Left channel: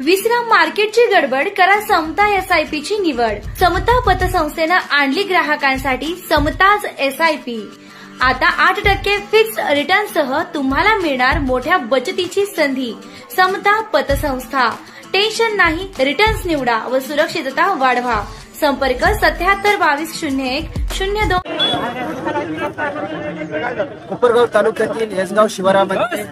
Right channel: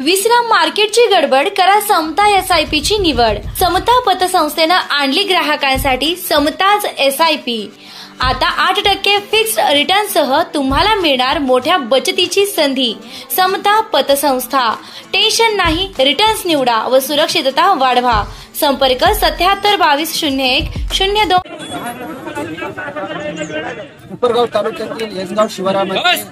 विश्राम मार्केटची गडबड, करा समता SIP ची निवड। समता पतसंस्थेनं आणली ग्राहकांसाठी समताज SIP। आता 8% फिक्स्ड रिटर्न सह तुम्हाला मिळणार मोठ्या बचतीची संधी। समता पतसंस्था, टेन्शन नाही, रिटर्न्स निवडा व सुरक्षितता वाढवा। संपर्क 77220102। कोपरगाव तालुक्यातील येसगाव शिवारामध्ये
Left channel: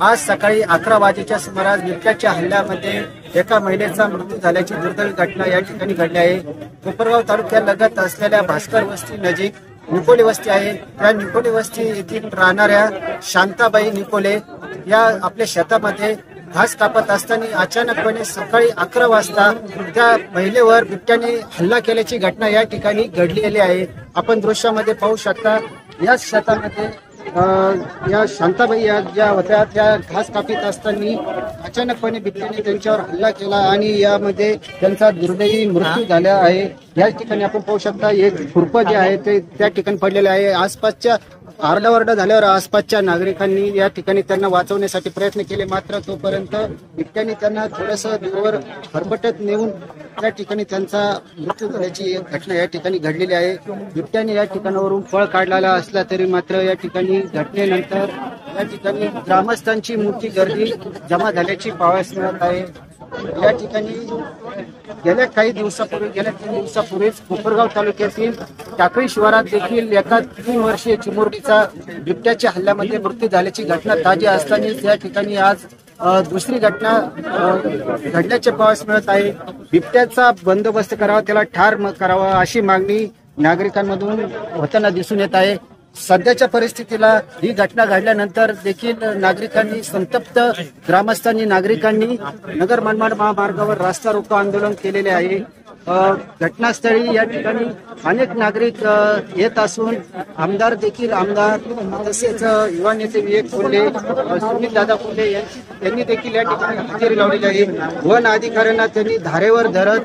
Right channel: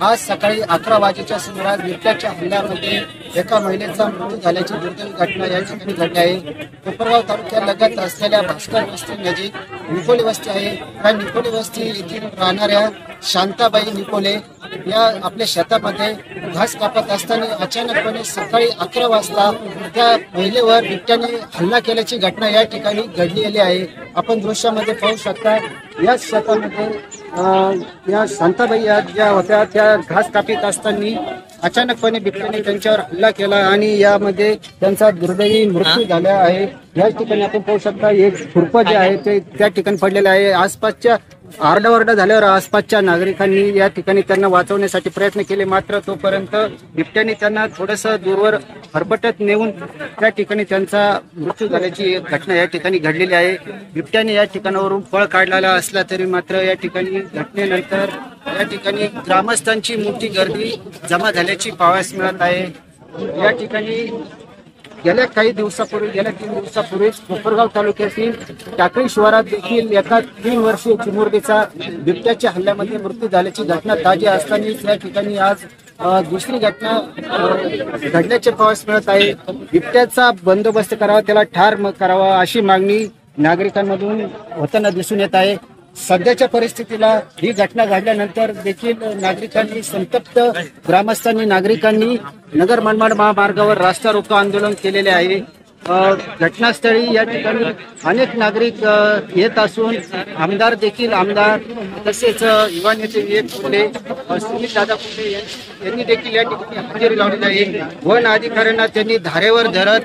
आज सकाळी 11 वाजेच्या सुमारास बिबट्याच्या हल्ल्यामध्ये एका महिलेचा मृत्यू झाल्याची दुर्दैवी घटना या ठिकाणी घडली आहे। कोपरगाव तालुक्यालगत असलेल्या भास्कर वस्ती नजीक निकोले वस्ती आहे। या निकोले वस्ती येथील राहणाऱ्या शांताबाई निकोले या आपल्या शेतामध्ये घास कापत असताना अचानकपणे सकाळी 11 वाजता त्या महिलेवर बिबट्याने हल्ला केल्याची घटना या ठिकाणी घडलेली आहे। आपण दृश्यामध्ये पाहू शकता, या शेतामध्ये या शांताबाई या ज्या होत्या त्या घास कापीत असताना अचानकपणे बिबट्याने त्यांच्यावर हल्ला केला आणि यामध्ये त्यांचा दुर्दैवी मृत्यू झाला आहे। या ठिकाणी आपण पाहू शकता, एक खुरपं जे आहे ते त्या ठिकाणी पडलेलं आहे। आसपासच्या आरडाओरडा झाल्यावर आसपासच्या नागरिकांनी या ठिकाणी त्यांना वाचवण्यासाठी प्रयत्न केले, मात्र तोपर्यंत बिबट्याने त्यांना थोडंसं दूरवर हरपटत नेऊन त्या ठिकाणी त्यांचा मृत्यू झाल्याची घटना या ठिकाणी घडलेली आहे। बिबट्याने या ठिकाणावरून पळ काढलेला असला तरी मात्र या ठिकाणी घटनेनंतर या ठिकाणी ग्रामस्थांची मोठी गर्दी जमा झाल्याची पाहावयास मिळत आहे। या ठिकाणी गेल्या 3 दिवसापूर्वीच कोपरगाव तालुक्यातील टाकळी शिवारात देखील एका 3 वर्षीय चिमुरडीचा बिबट्याच्या हल्ल्यामध्ये मृत्यू झाल्याची घटना ताजी असताना या ठिकाणी आज दुसरी घटना घडल्याचे पाहावयास मिळत आहे। बिबट्याचा बंदोबस्त करावा, त्याला ठार करावा अशी मागणी नागरिकांमधून होताना दिसून येत आहे। सध्याच्या परिस्थितीला ही घटना घडल्यानंतर देखील नागरिकांनी, संतप्त ग्रामस्थांनी, नागरिकांनी नगर मनमाड महामार्गावर रास्ता रोको आंदोलन केलेले आहे। घटनास्थळी या ठिकाणी अनेक नागरिक येत असून आमदार तसेच युवा नेते विवेक कोल्हे, सुनील दादा कोल्हे यांनी देखील या ठिकाणी हजेरी लावलेली आहे। वन अधिकाऱ्यांना त्यांनी धारेवर धरत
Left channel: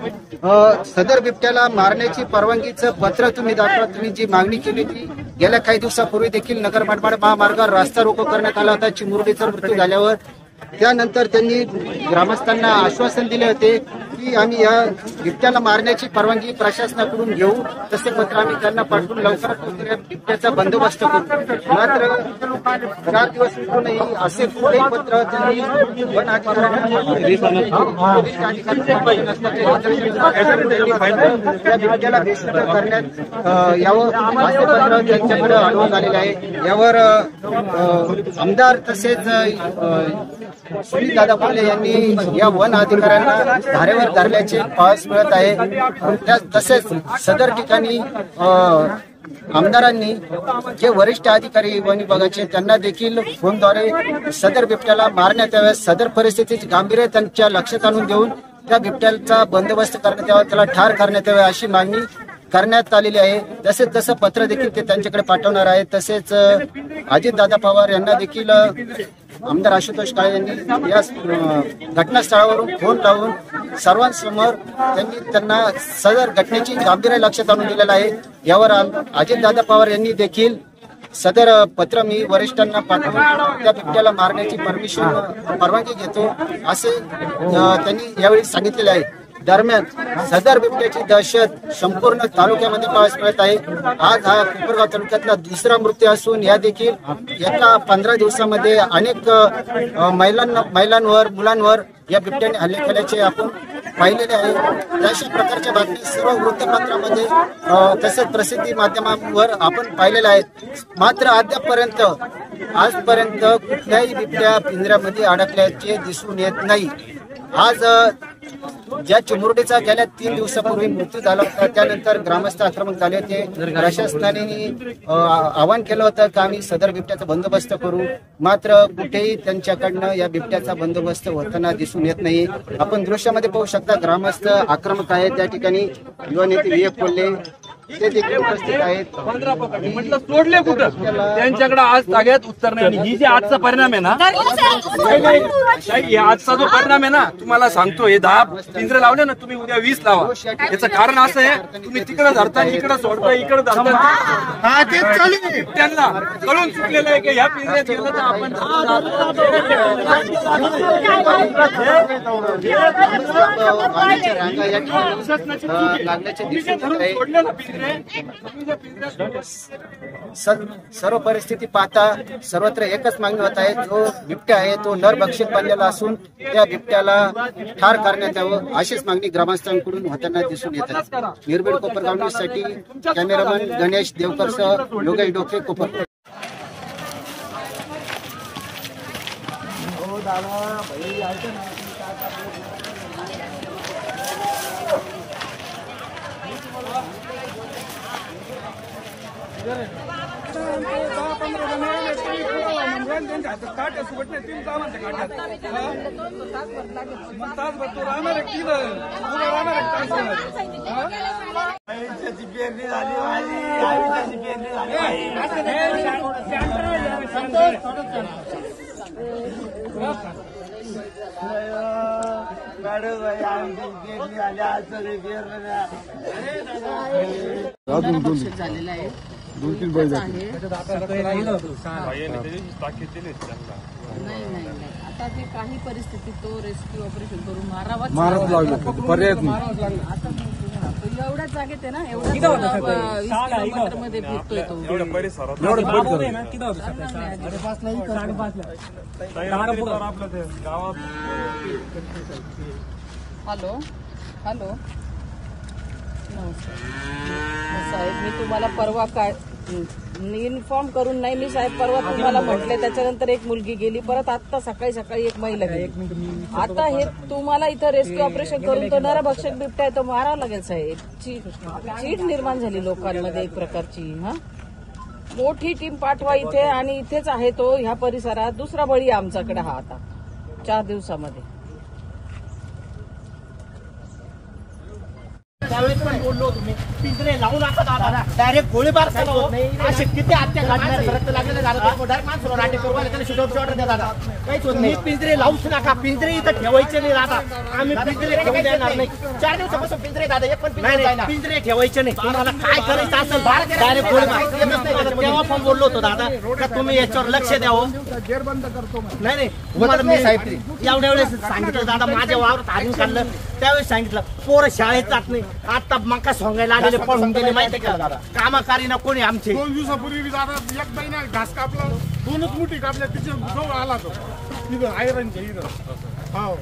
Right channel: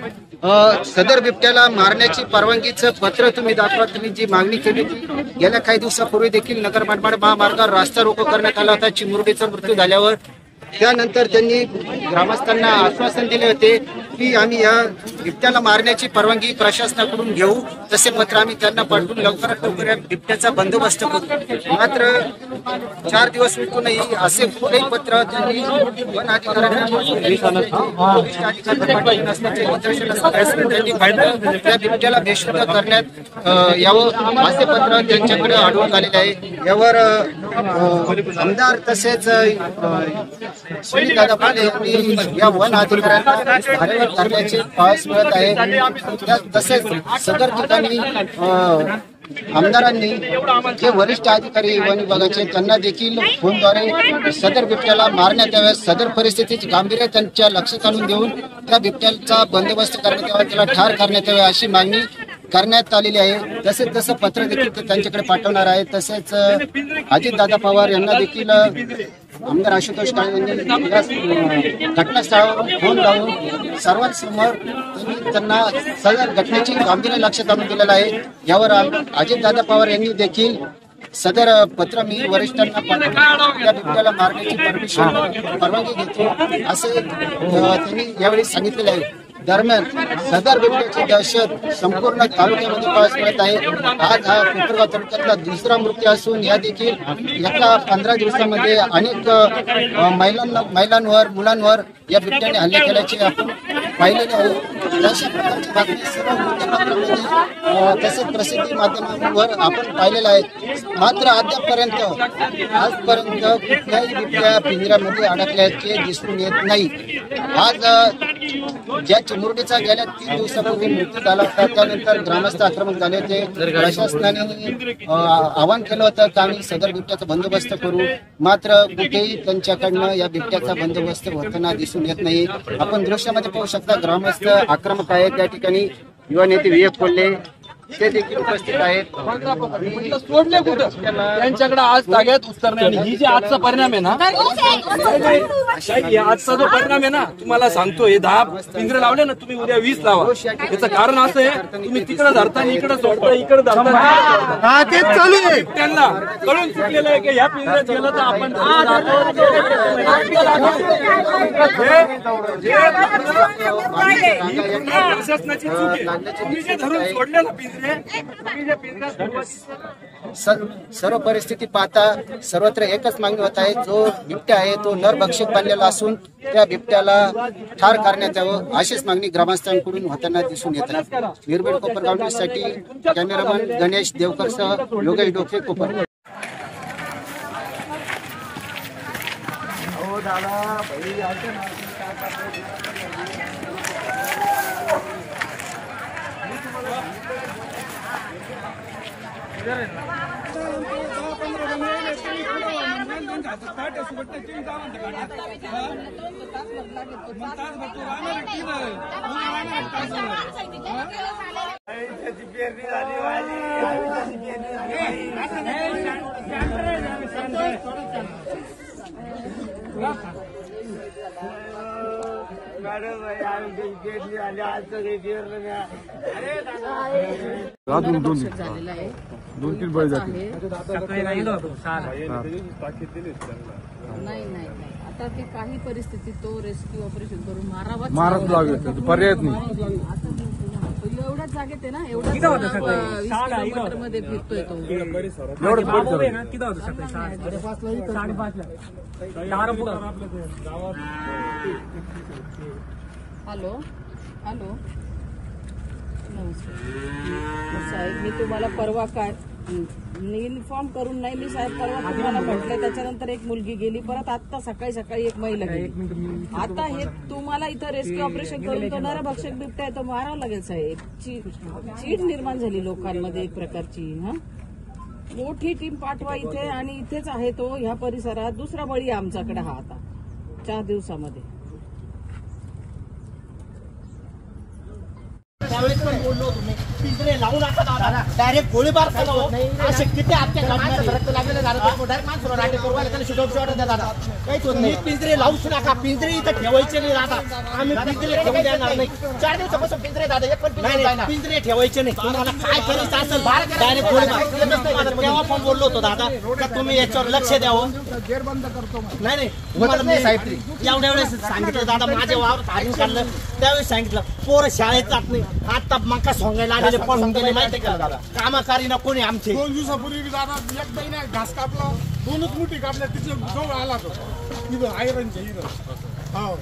सदर बिबट्याला मारण्याची परवानगीचं पत्र तुम्ही दाखवा, तुम्ही जी मागणी केली ती गेल्या काही दिवसापूर्वी देखील नगर मनमाड महामार्गावर रास्ता रोको करण्यात आला होता चिमुरडीचा मृत्यू झाल्यावर। त्यानंतर त्यांनी ग्रामस्थांना आश्वासन दिले होते की आम्ही या बिबट्याला मारण्याची परवानगी प्रशासनाकडून घेऊ, तसे पत्र आम्ही त्यांना पाठवून लवकरात लवकर या बिबट्याचा बंदोबस्त करू। मात्र 4 दिवस विकूनही असे कुठलेही पत्र त्यांनी वन अधिकाऱ्यांना नसल्याचे निदर्शन असल्यास त्यांनी त्या बिबट्याला बेशुद्ध करण्यात यावं असे पत्र त्यांच्याकडे आढळून आलेले आहे। यावर आमदार तसेच सुनील दादा कोल्हे यांनी या वन अधिकाऱ्यांना धारेवर धरल्याचे पाहावयास मिळत आहे। तसेच सदर ठिकाणी आमदारांनी जे वरिष्ठ अधिकारी वन विभागाचे त्यांना देखील फोनद्वारे सदर बिबट्याला मारण्यात यावे, सदर परिस्थितीचे गांभीर्य त्यांच्या लक्षात आणून देऊन त्या बिबट्याचा बंदोबस्त करण्यात यावा, त्याला ठार करण्यात यावे अशी मागणी करण्यात आलेली आहे। तसेच तसं पत्र देखील ते त्यांच्याकडे पाठवणार आहे। तसेच अजितदादा पवार यांना देखील आमदार आशुतोष काळे यांनी या घटनास्थळावरून फोन लावून सर्वांसमोर त्यांना सदर घटनेची गांभीर्य लक्षात आणून दिलेलं आहे। यावर अजितदादा पवार यांनी देखील सदर पत्र मी वरिष्ठांना पाठवून त्या बिबट्याला मारण्याची परवानगी घेतो असे त्यांनी यावेळी सांगितलेले आहे। दरम्यान सदर बिबट्याची दहशत संपूर्ण तालुक्यामध्ये पाहावयास मिळत आहे। आज हा कोपरगाव तालुक्यातला दुसरा मृत्यू असून या देखील एका 15 दिवसामध्ये अनेक महिलांवर, मुलांवर या बिबट्याने हल्ले केल्याचे आपण पाहिलेले आहे। अशा प्रकारच्या बातमी सर्व वृत्तपत्रांमध्ये तसेच प्रसिद्धी माध्यमांवर आपण पाहिलेल्या आहेत। मात्र आजपर्यंत कुठल्याही बिबट्या पिंजऱ्यामध्ये अडकल्याचे दिसून येत नाही। आज ज्या चिमुरडीचा गेल्या 3 दिवसापूर्वी मृत्यू झाला होता त्यानंतर ग्रामस्थ आक्रमक झाले होते। प्रशासनाने आवाहन केलं होतं की आम्ही सदर बिबट्याचा बंदोबस्त करू, मात्र कुठेही त्यांच्याकडनं या बिबट्याचा बंदोबस्त होताना दिसून येत नाही। आपण दृश्यामध्ये पाहू शकता, ग्रामस्थ आक्रमक आहेत। त्या ठिकाणी युवा नेते विवेक कोल्हे, ते देखील उपस्थित आहेत. 15 पकडले म्हटलं सोडले कुठं त्यांच्याकडे आज ताग्यात उत्तर नाही. आणि ही जे आजचा परिणाम आहे ना, हे आजचा जो परिणाम आहे ना, तुम्हाला सांगतो, हे 10 पिंजरे लावले ना, तुम्ही उद्या 20 लावा. याचं कारण असं आहे, तुम्ही तिकडे धरता इकडे सोडता, इकडे धरता त्यांना कळून चुकलेलं आहे की ह्या पिंजऱ्यात गेलं तर आपण सर्व परिस्थिती पाहता सर्वत्र एकच मागणी होत आहे. जो बिबट्या आहे तो नरभक्षक बनलेला असून त्या बिबट्याला ठार करण्यात यावं अशीच मागणी ग्रामस्थांकडून होताना दिसून येत आहे. निर्भीड कोपरगाव न्यूजसाठी कॅमेरामन गणेश देवकरसह योगेश डोके, कोपरगाव. झालेला आहे. 2-3 बैल नाही. आता ते काही परिस्थितीत तो रेस्क्यू ऑपरेशन करून मारावं लागलं, पर्याय नाही. आता एवढ्याच जागेत आहे ना, एवढ्याच 20 किलोमीटर मध्ये फिरतोय तो. हॅलो साहेब, मी तुम्हाला परवा काय इन्फॉर्म करून नाही, मी साहेब परवा तुम्हाला म्हटले, त्याच्यानंतर एक मुलगी गेली, परत आता सकाळी एक महिला गेली. आता हे तुम्हाला इथं रेस्क्यू ऑपरेशन करून तो नरभक्षक बिबट्या आहे तो मारावा लागेल साहेब. चीड निर्माण झाली लोकांमध्ये एक प्रकारची. मोठी टीम पाठवा इथे, आणि इथेच आहे तो ह्या परिसरात. दुसरा बळी आमच्याकडे हा आता 4 दिवसामध्ये. त्यावेळेस पण बोललो तुम्ही, पिंजरे लावू नका दादा, डायरेक्ट गोळीबार करा. असे किती हत्या घडणार, रक्त लागलेलं झालं, डायरेक्ट माणसाला राटे करू त्याला शूट ऑर्डर द्या दादा. काहीच होत नाही. पिंजरे लावूच नका, पिंजरे इथं ठेवायचे नाही दादा. आम्ही पिंजरे ठेवून देणार नाही. 4 दिवसापासून पिंजरे दादा, एक पण पिंजरे ठेवायचे नाही. तुम्हाला काय करायचं असेल डायरेक्ट गोळीबार. तेव्हा पण बोललो होतो दादा का तुम्ही याच्यावर लक्ष द्यावं. नाही तुम्हाला मी एवढ्या वेळेस सांगितलं दादा, माझ्या वावरात हारून काढलं त्यावेळेस सांगितलं. पोरं शाळेत जात नाही, आता मका सोंगायला आलेले पळून गेले माहितीये का. कामाकारी ना कोणी आमचे. 2 दिवसापूर्वी दादा एक महिना घास कापला, 2च मुठी कापल्या, तिच्या जवळ आला तो तिथं आयरनच्या हिरं. हो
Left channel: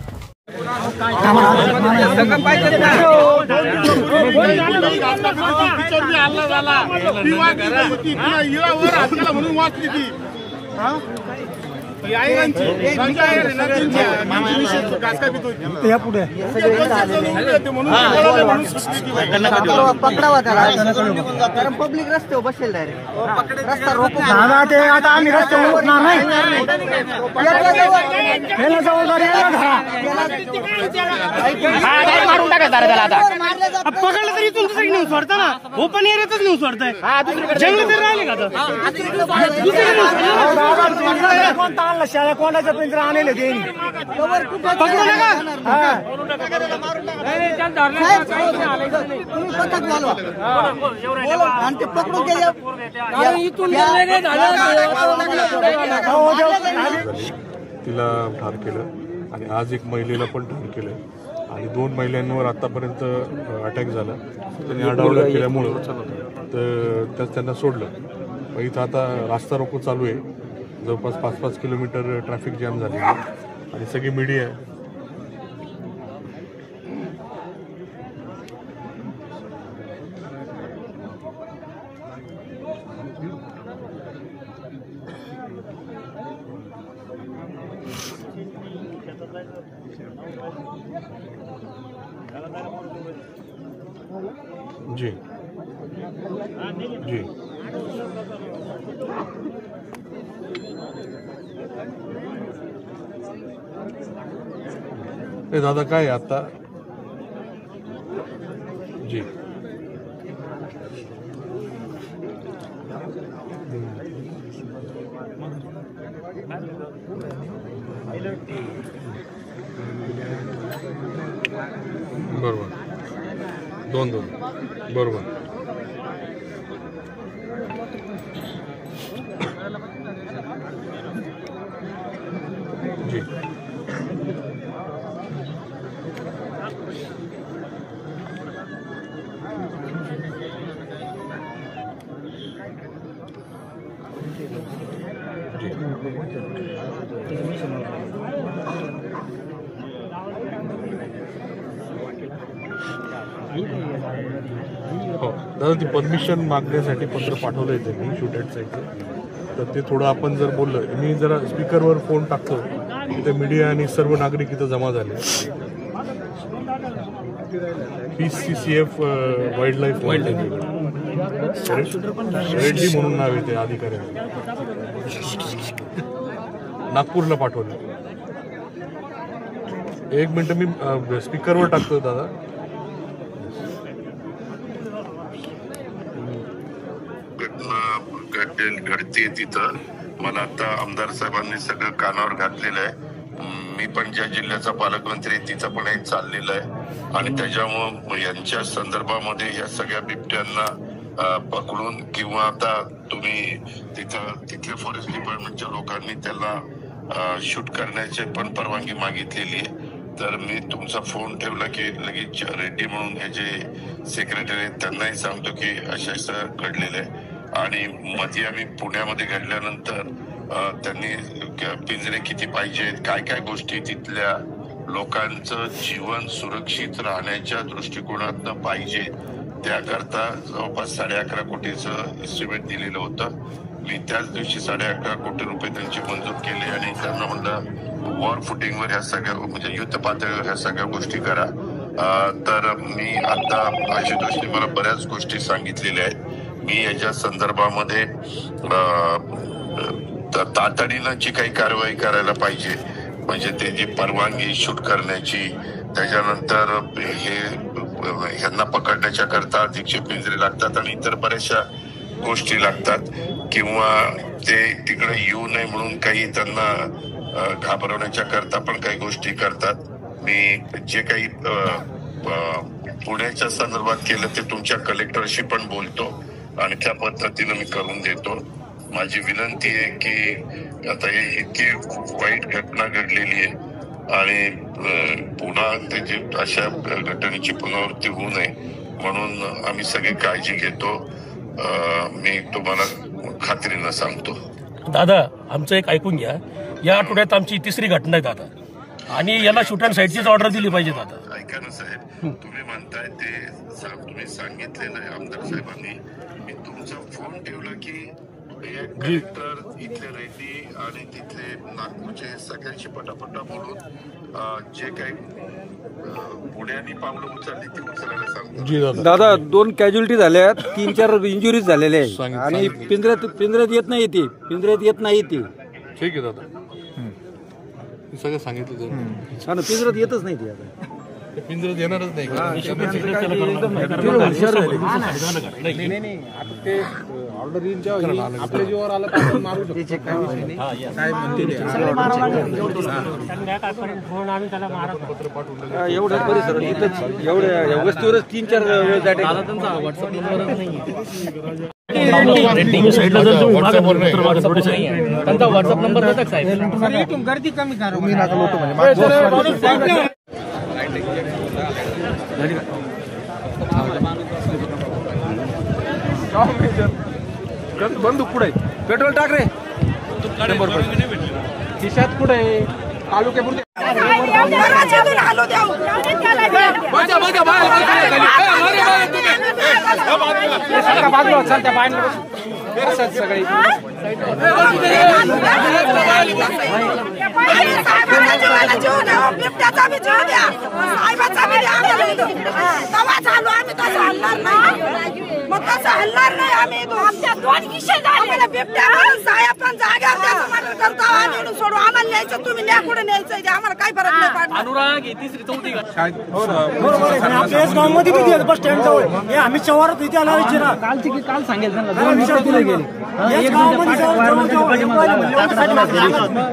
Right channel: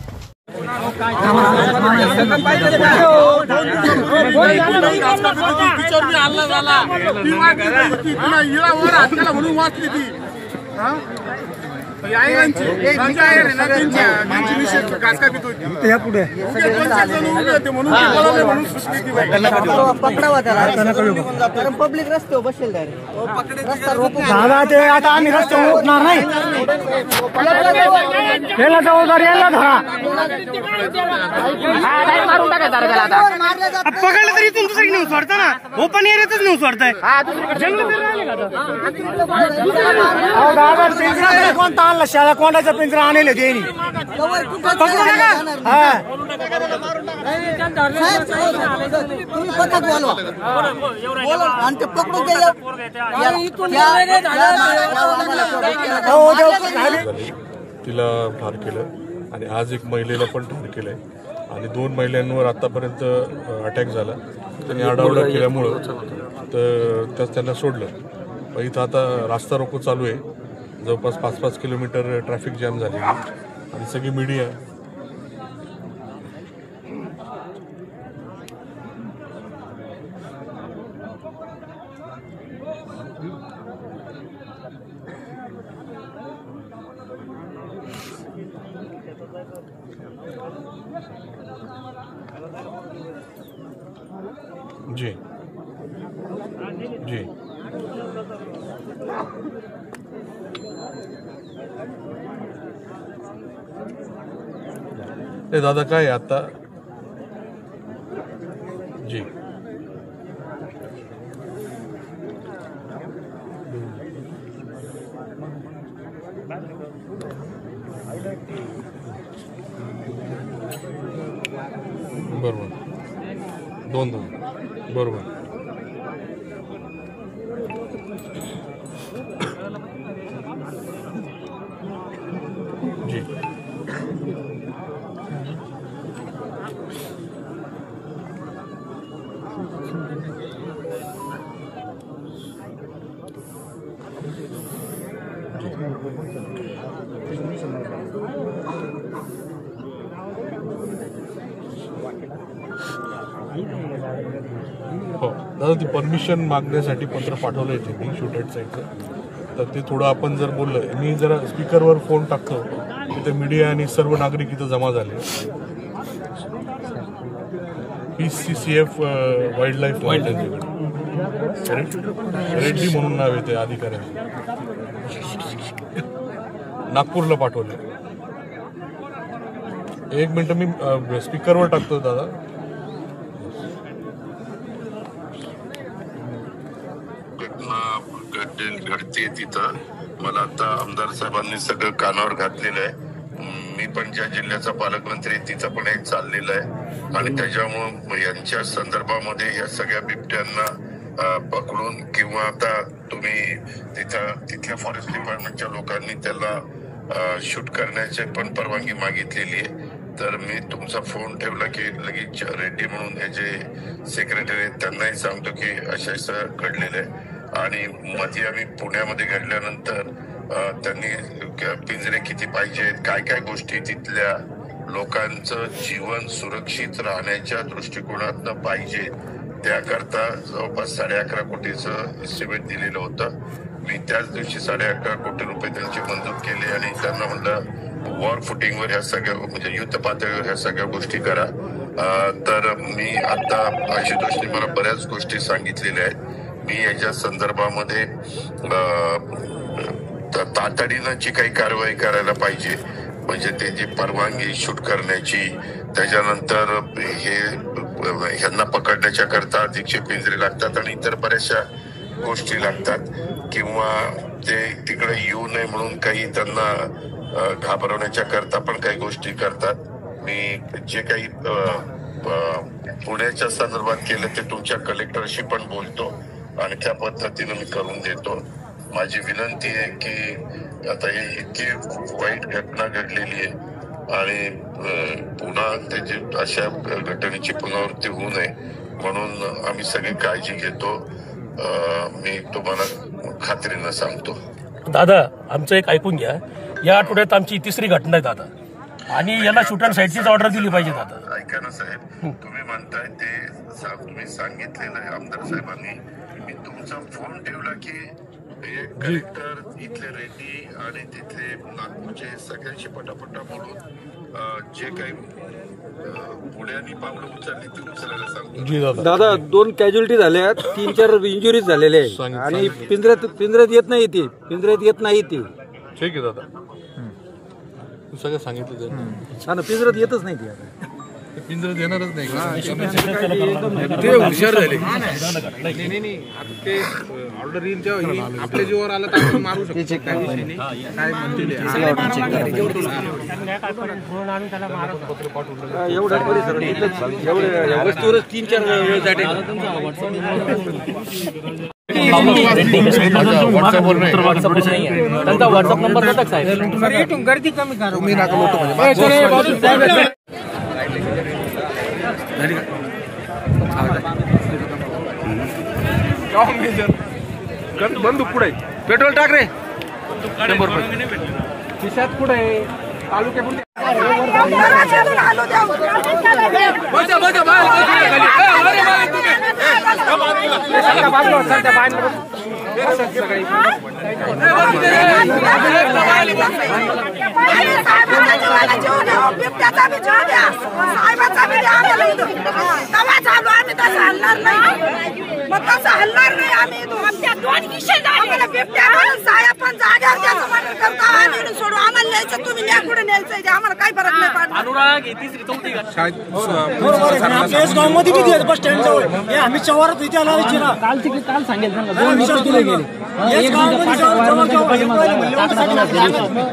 तिच्यावर बी हल्ला झाला, ती वाचली, ती पुन्हा हिरावर हातला म्हणून वाचली ती. पकडावा त्याला, कारण पब्लिक रस्त्यावर बसेल डायरेक्ट. रस्ता रोको आता आम्ही रस्त्यावर पकडलं तरी इथून दुसरी न्यूज वाढतं ना, ओपन एरियातच न्यूज वाढतंय. कोणता आणला शाळा, कोणाच्या पिंजरा आणले ते तुम्ही पथक बोलवा आणि ते पकडून तिला ठार केलं आणि आज एक महिलेला पण ठार केलंय. आणि 2 महिलांवर आतापर्यंत अटॅक झाला. त्यांनी आरडाओरडा केल्यामुळं तर त्यांना सोडलं. मग इथं आता रास्ता रोको चालू आहे. जवळपास 5-5 किलोमीटर ट्रॅफिक जॅम झालेली आणि सगळी मीडिया आहे. जी जी दादा काय आता जी बरोबर 2-2 बरोबर. जी हो दादा, ती परमिशन मागण्यासाठी पत्र पाठवलंय त्यांनी शूट ॲट साईडचं. तर ते थोडं आपण जर बोललं, मी जरा स्पीकरवर फोन टाकतो, ते मीडिया आणि सर्व नागरिक इथं जमा झाले. PCCF वाईल्ड लाईफ त्यांच्याकडे रेड्डी म्हणून नाव आहे ते अधिकाऱ्यांचं. नागपूरला पाठवले. एक मिनिट मी स्पीकरवर टाकतो दादा. घडते तिथं मला आता आमदार साहेबांनी सगळं कानावर घातलेलं आहे. मी पण ज्या जिल्ह्याचा पालकमंत्री तिथं पण हे चाललेलं आहे आणि त्याच्यामुळं यांच्या संदर्भामध्ये या सगळ्या बिबट्यांना पकडून किंवा आता तुम्ही तिथल्या फॉरेस्ट डिपार्टमेंटच्या लोकांनी त्याला शूट करण्याची पण परवानगी मागितलेली आहे. तर मी तुमचा फोन ठेवला की लगेच रेड्डी म्हणून हे जे सेक्रेटरी आहेत त्यांनाही सांगतो की असं घडलेलं आहे. आणि मध्ये आम्ही पुण्यामध्ये घडल्यानंतर त्यांनी पिंजरे किती पाहिजेत, काय काय गोष्टी तिथल्या लोकांचं जीवन सुरक्षित राहण्याच्या दृष्टिकोनातनं पाहिजे त्याकरता जवळपास 11.5 कोटीचं एस्टिमेट दिलेलं होतं. मी त्याच दिवशी 11.5 कोटी रुपये त्यांचे मंजूर केले आणि त्यांना म्हणलं वॉर फुटिंगवर ह्या सगळ्या म्हणजे युद्ध पातळीवर ह्या सगळ्या गोष्टी करा. तर मी आता आशुतोषने मला बऱ्याच गोष्टी सांगितलेल्या आहेत. मी याच्या संदर्भामध्ये तातडीनं जी काही कारवाई करायला पाहिजे म्हणजे ते जी परवानगी शूट करण्याची, त्याच्यानंतर हे ह्यांना पकडण्याच्या करता अधिकचे पिंजरे लागतात आणि इतर बऱ्याचशा गोष्टी लागतात किंवा ते तिकडे येऊ नये म्हणून काही त्यांना घाबरवण्याच्या करता पण काही गोष्टी करतात. मी जे काही पुण्याच्या संदर्भात केलं ते तुमच्या कलेक्टरशी पण बोलतो आणि त्या पद्धतीनं मी करून देतो. माझी विनंती आहे की आता हे इतकी वाईट घटना घडलेली आहे आणि पुन्हा त्याची अशा घटनेची पुनरावृत्ती होऊ नये म्हणून आम्ही सगळी काळजी घेतो. मी तुम्हाला खात्रीनं सांगतो. दादा, आमचं एक ऐकून घ्या. या आठवड्यात आमची 3री घटना आहे दादा आणि याला शूट अँड साईडचीच ऑर्डर दिली पाहिजे दादा. ऐका ना साहेब, तुम्ही म्हणताय ते तुम्ही सांगितलेलं आहे आमदार साहेबांनी. मी तुमचा फोन ठेवला की कलेक्टर इथले रेड्डी आणि तिथले नागपूरचे सगळ्यांशी पटापटा बोलून जे काही पुण्यानी पावलं उचलली ती उचलायला सांगतो. दादा 2 कॅज्युअलिटी झाल्या, 3-4 इंजुरीज झालेले आहे आणि पिंजऱ्यात येत नाही ती. ठीक आहे दादा, सगळं सांगितलं. पिंजऱ्यात येतच नाही ती. पिंजऱ्यात येणारच नाही. हुशार झाले. नाही आता ते ऑर्डर आपल्या जीवावर आला तर आपण मारू शकतो. एवढ्या वस्तूवरच 3-4 वेळ जाते. त्यांचा व्हॉट्सअप नंबर देतात साहेब. गर्दी कमी करा. बंदूक कुठे पेट्रोल टाक रे. खिशात कुठे तालुक्यापुरते सगळी बिबट्याचा बी जीव द्या, साहेबाचा बी द्या. तवा झालो आम्ही तसं हलणार नाही, मग तसं हलणार नाही आम्ही. आमच्या 2 किस्से झाले. बिबट्या साहेब पण जाग्यावर त्याचं मर्डर करता आणि सोडू. आम्हाला न्यायचं, तुम्ही न्या कुठे न्यायचं ते आम्हाला काही फरक नाही पडणार. आपल्या गाव मध्ये बस स्टँड जवळ आम्ही चवारात इथे आला. काल सांगेल त्यांना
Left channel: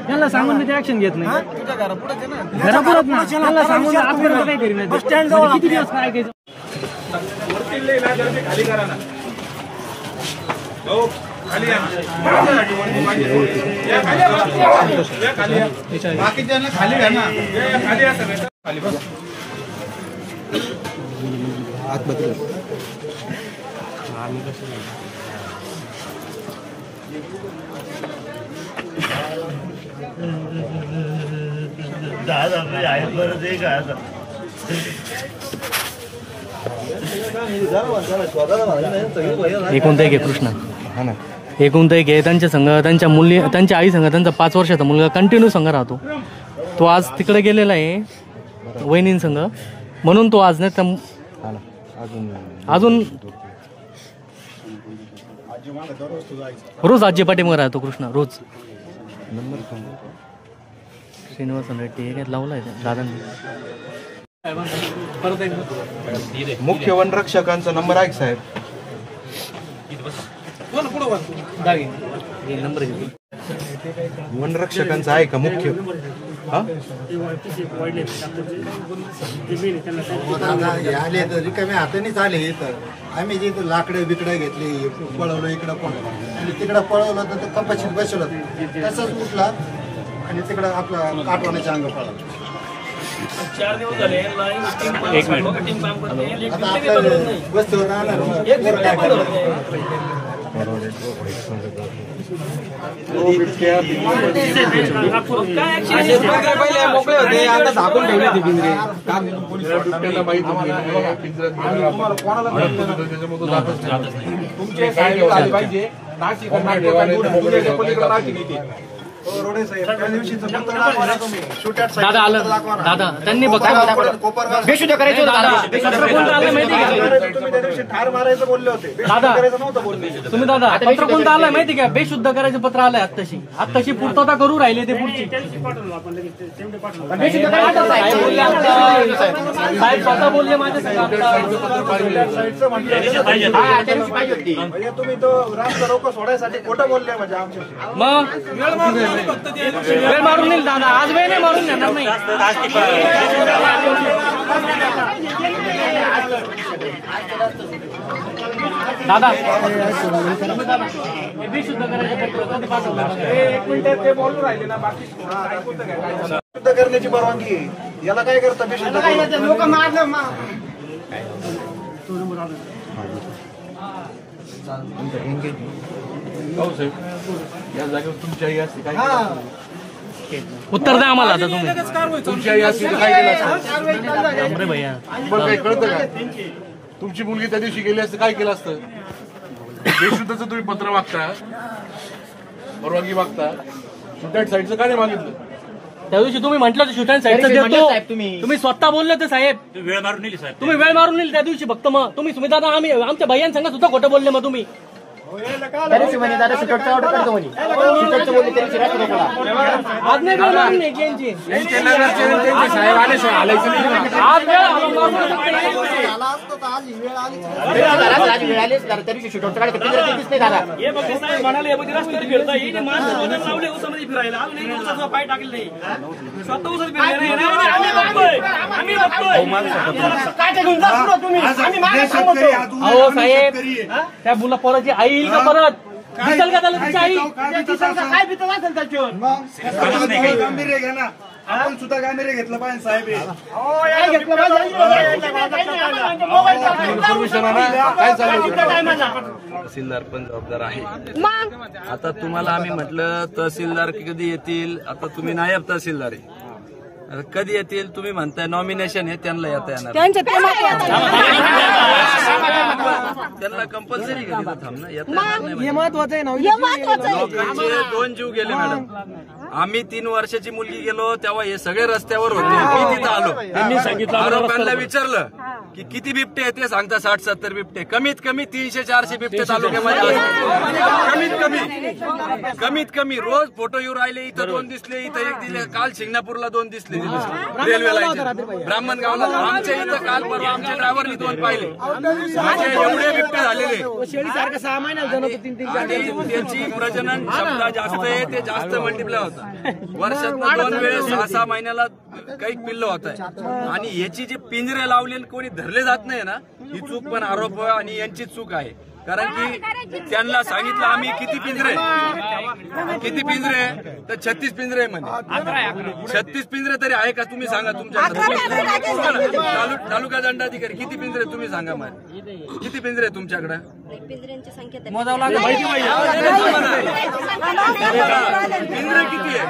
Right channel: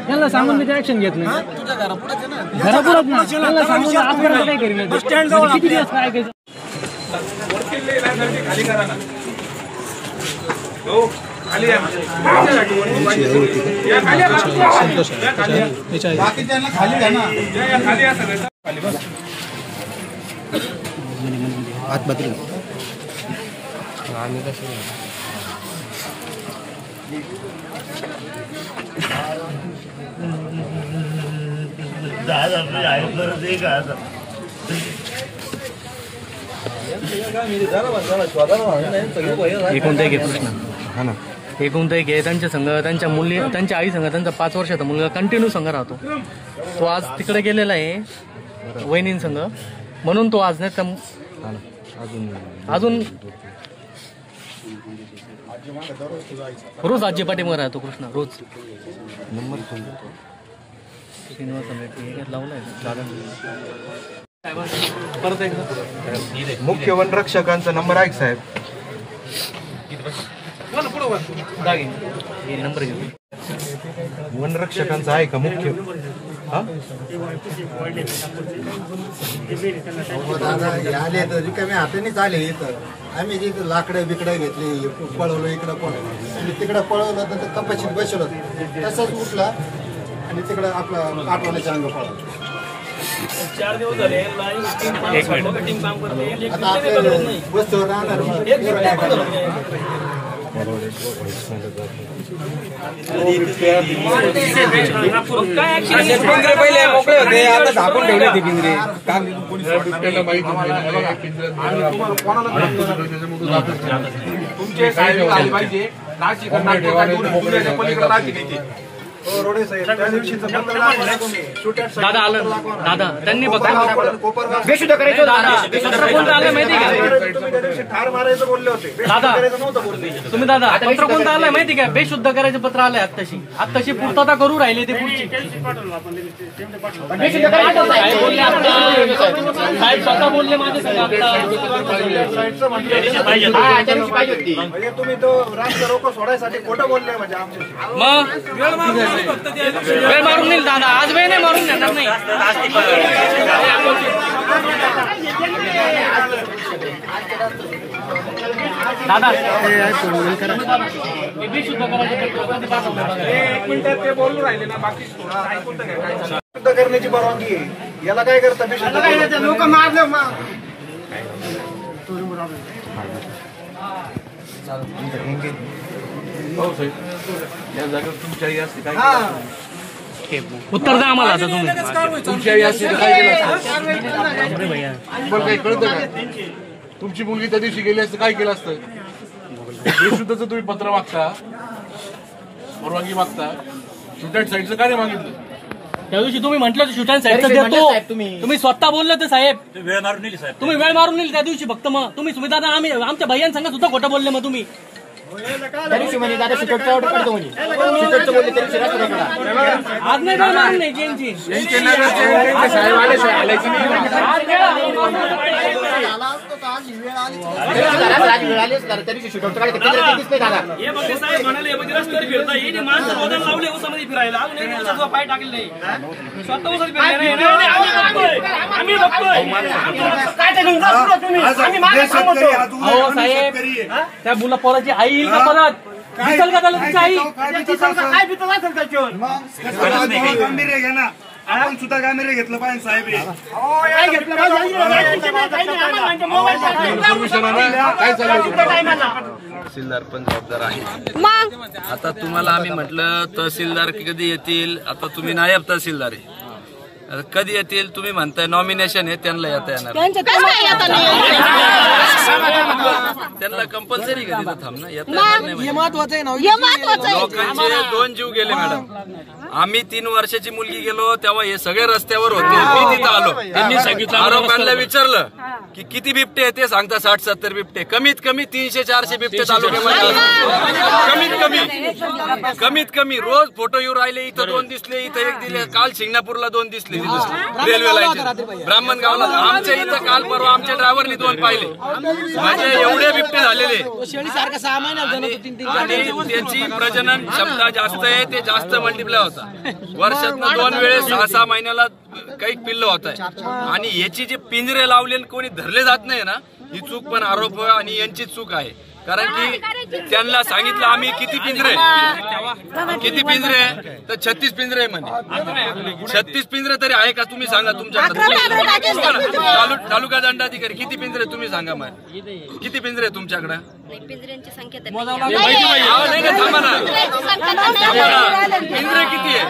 त्यांना सांगून मी ऍक्शन घेत नाही घरापुढे ना त्यांना सांगून आजपर्यंत काही करी नाही किती दिवस काय ऐकायचं खाली करा ना बाकीच्यांना खाली घ्या ना खाली या सगळ्यांना खाली बस आतमध्ये आम्ही कसं एकोणता एक आहे कृष्णा हा ना एकोणता एक आहे त्यांच्या संघ त्यांच्या मुली त्यांच्या आई संघ त्यांचा 5 वर्षाचा मुलगा कंटिन्यू संघ राहतो तो आज तिकडे गेलेला आहे वहिनीं संघ म्हणून तो आज नाही अजून रोज आजी पाठीमागे राहतो कृष्णा रोज नंबर श्रीनिवास लावलाय दादा मुख्य वनरक्षकांचा नंबर आहे साहेब वनरक्षकांचा आहे का मुख्य आले तर रिकामे हातानेच आले इथं आम्ही जिथं लाकडं बिकडं घेतली पळवलं इकडं पळवलं आणि तिकडं पळवलं तर कपाशीत बसवलं तसंच उठला आणि तिकडं आपलं काटवाण्याच्या अंग पळवलं 4 दिवस झाले आता आपलं वस्तू राहणार मोकळे होते आता झाकून ठेवले ते पिंजरे बिबट्याला माहिती पाहिजे दादा त्यांनी बेशुद्ध करायचं ठार मारायचं बोलले होते तुम्ही दादा पत्र कोणतं आलंय माहिती का बेशुद्ध करायचं पत्र आलंय आत्ताशी पूर्तता करू राहिले ते पुढची साहेब स्वतः बोलले माझ्या म्हणजे तुम्ही तो रास्ता रोको सोडायसाठी खोटं बोलले म्हणजे आमच्या मग वेळ मारून नाही दादा आज वेळ नाही मारून घेणार नाही दादा बेशुद्ध करायचं पत्र कधी पाठवणार 1 मिनिटात ते बोलून राहिले ना बाकी शुद्ध करण्याची परवानगी आहे याला काय करता बेशुद्ध लोक मारले या जागेवर तुमची आई असते काय उत्तर द्या आम्हाला आता तुम्ही तुमची आई असते काय केलं असतं तुम्हाला काही कळतं का तुमची मुलगी त्या दिवशी गेली असते काय केलं असतं बेशुद्धचं तुम्ही पत्र मागता परवानगी मागता स्टुडंट साईडचं का नाही मागितलं त्या दिवशी तुम्ही म्हटलं शूट अँड साईडचं देतो तुम्ही स्वतः बोलले तर साहेब वेळ मारून नेली साहेब तुम्ही वेळ मारून नेली त्या दिवशी फक्त मग तुम्ही सुमिता आम्ही आमच्या भैयांसंग सुद्धा खोटं बोलले मग तुम्ही आज नाही मिळणार नाही त्यांची पाय टाकले नाही साहेब त्या मुला पोराची आई येईल का परत दिसल का त्याला तिची आई काय पितल असेल त्याच्यावर गांभीर्य घे ना आपण सुद्धा गांभीर्य घेतलं पाहिजे साहेब काय घेतलं काय चाललं तहसीलदार पण जबाबदार आहे आता तुम्हाला आम्ही म्हटलं तहसीलदार कधी येतील आता तुम्ही नायब तहसीलदार आहे कधी येतील तुम्ही म्हणताय नॉमिनेशन आहे त्यांना येता येणार त्यांना कंपल्सरी कधी थांब ना लोकांचे 2 जीव गेले मॅडम आम्ही 3 वर्षाची मुलगी गेलो तेव्हा हे सगळे रस्त्यावर होते मी तिथं आलो त्यांनी सांगितलं आरोपांना विचारलं की किती बिबटे आहे ते सांगता 60-70 बिबटे, कमीत कमी 300-400 बिबटे तालुक्यामध्ये कमीत कमी रोज फोटो येऊ राहिले. इथं 2 दिसले, इथं 1 दिले, काल शिंगणापूरला 2 दिसले रेल्वे लाईनच्या ब्राह्मणगावला. आमच्या इथं काल परवा आमच्या ड्रायव्हरनी 2 पाहिले. म्हणजे एवढे बिबटे झालेले आणि त्याची प्रजनन क्षमता जास्त आहे, ते जास्त मल्टिप्लाय होता. वर्षातनं 2 वेळेस 6-6 महिन्याला काही पिल्लं होत आहे. आणि याची जी पिंजरे लावले कोणी धरले जात नाही ना, ही चूक पण आरोप आणि यांची चूक आहे. कारण की त्यांना सांगितलं आम्ही किती पिंजरे तर 36 पिंजरे म्हणे. 36 पिंजरे तरी आहे का तुम्ही सांगा तुमच्याकडे. तालुका दंडाधिकारी किती पिंजरे तुम्ही सांगा. मग किती पिंजरे तुमच्याकडे. पिंजऱ्यांची संख्या पिंजरे किती आहे.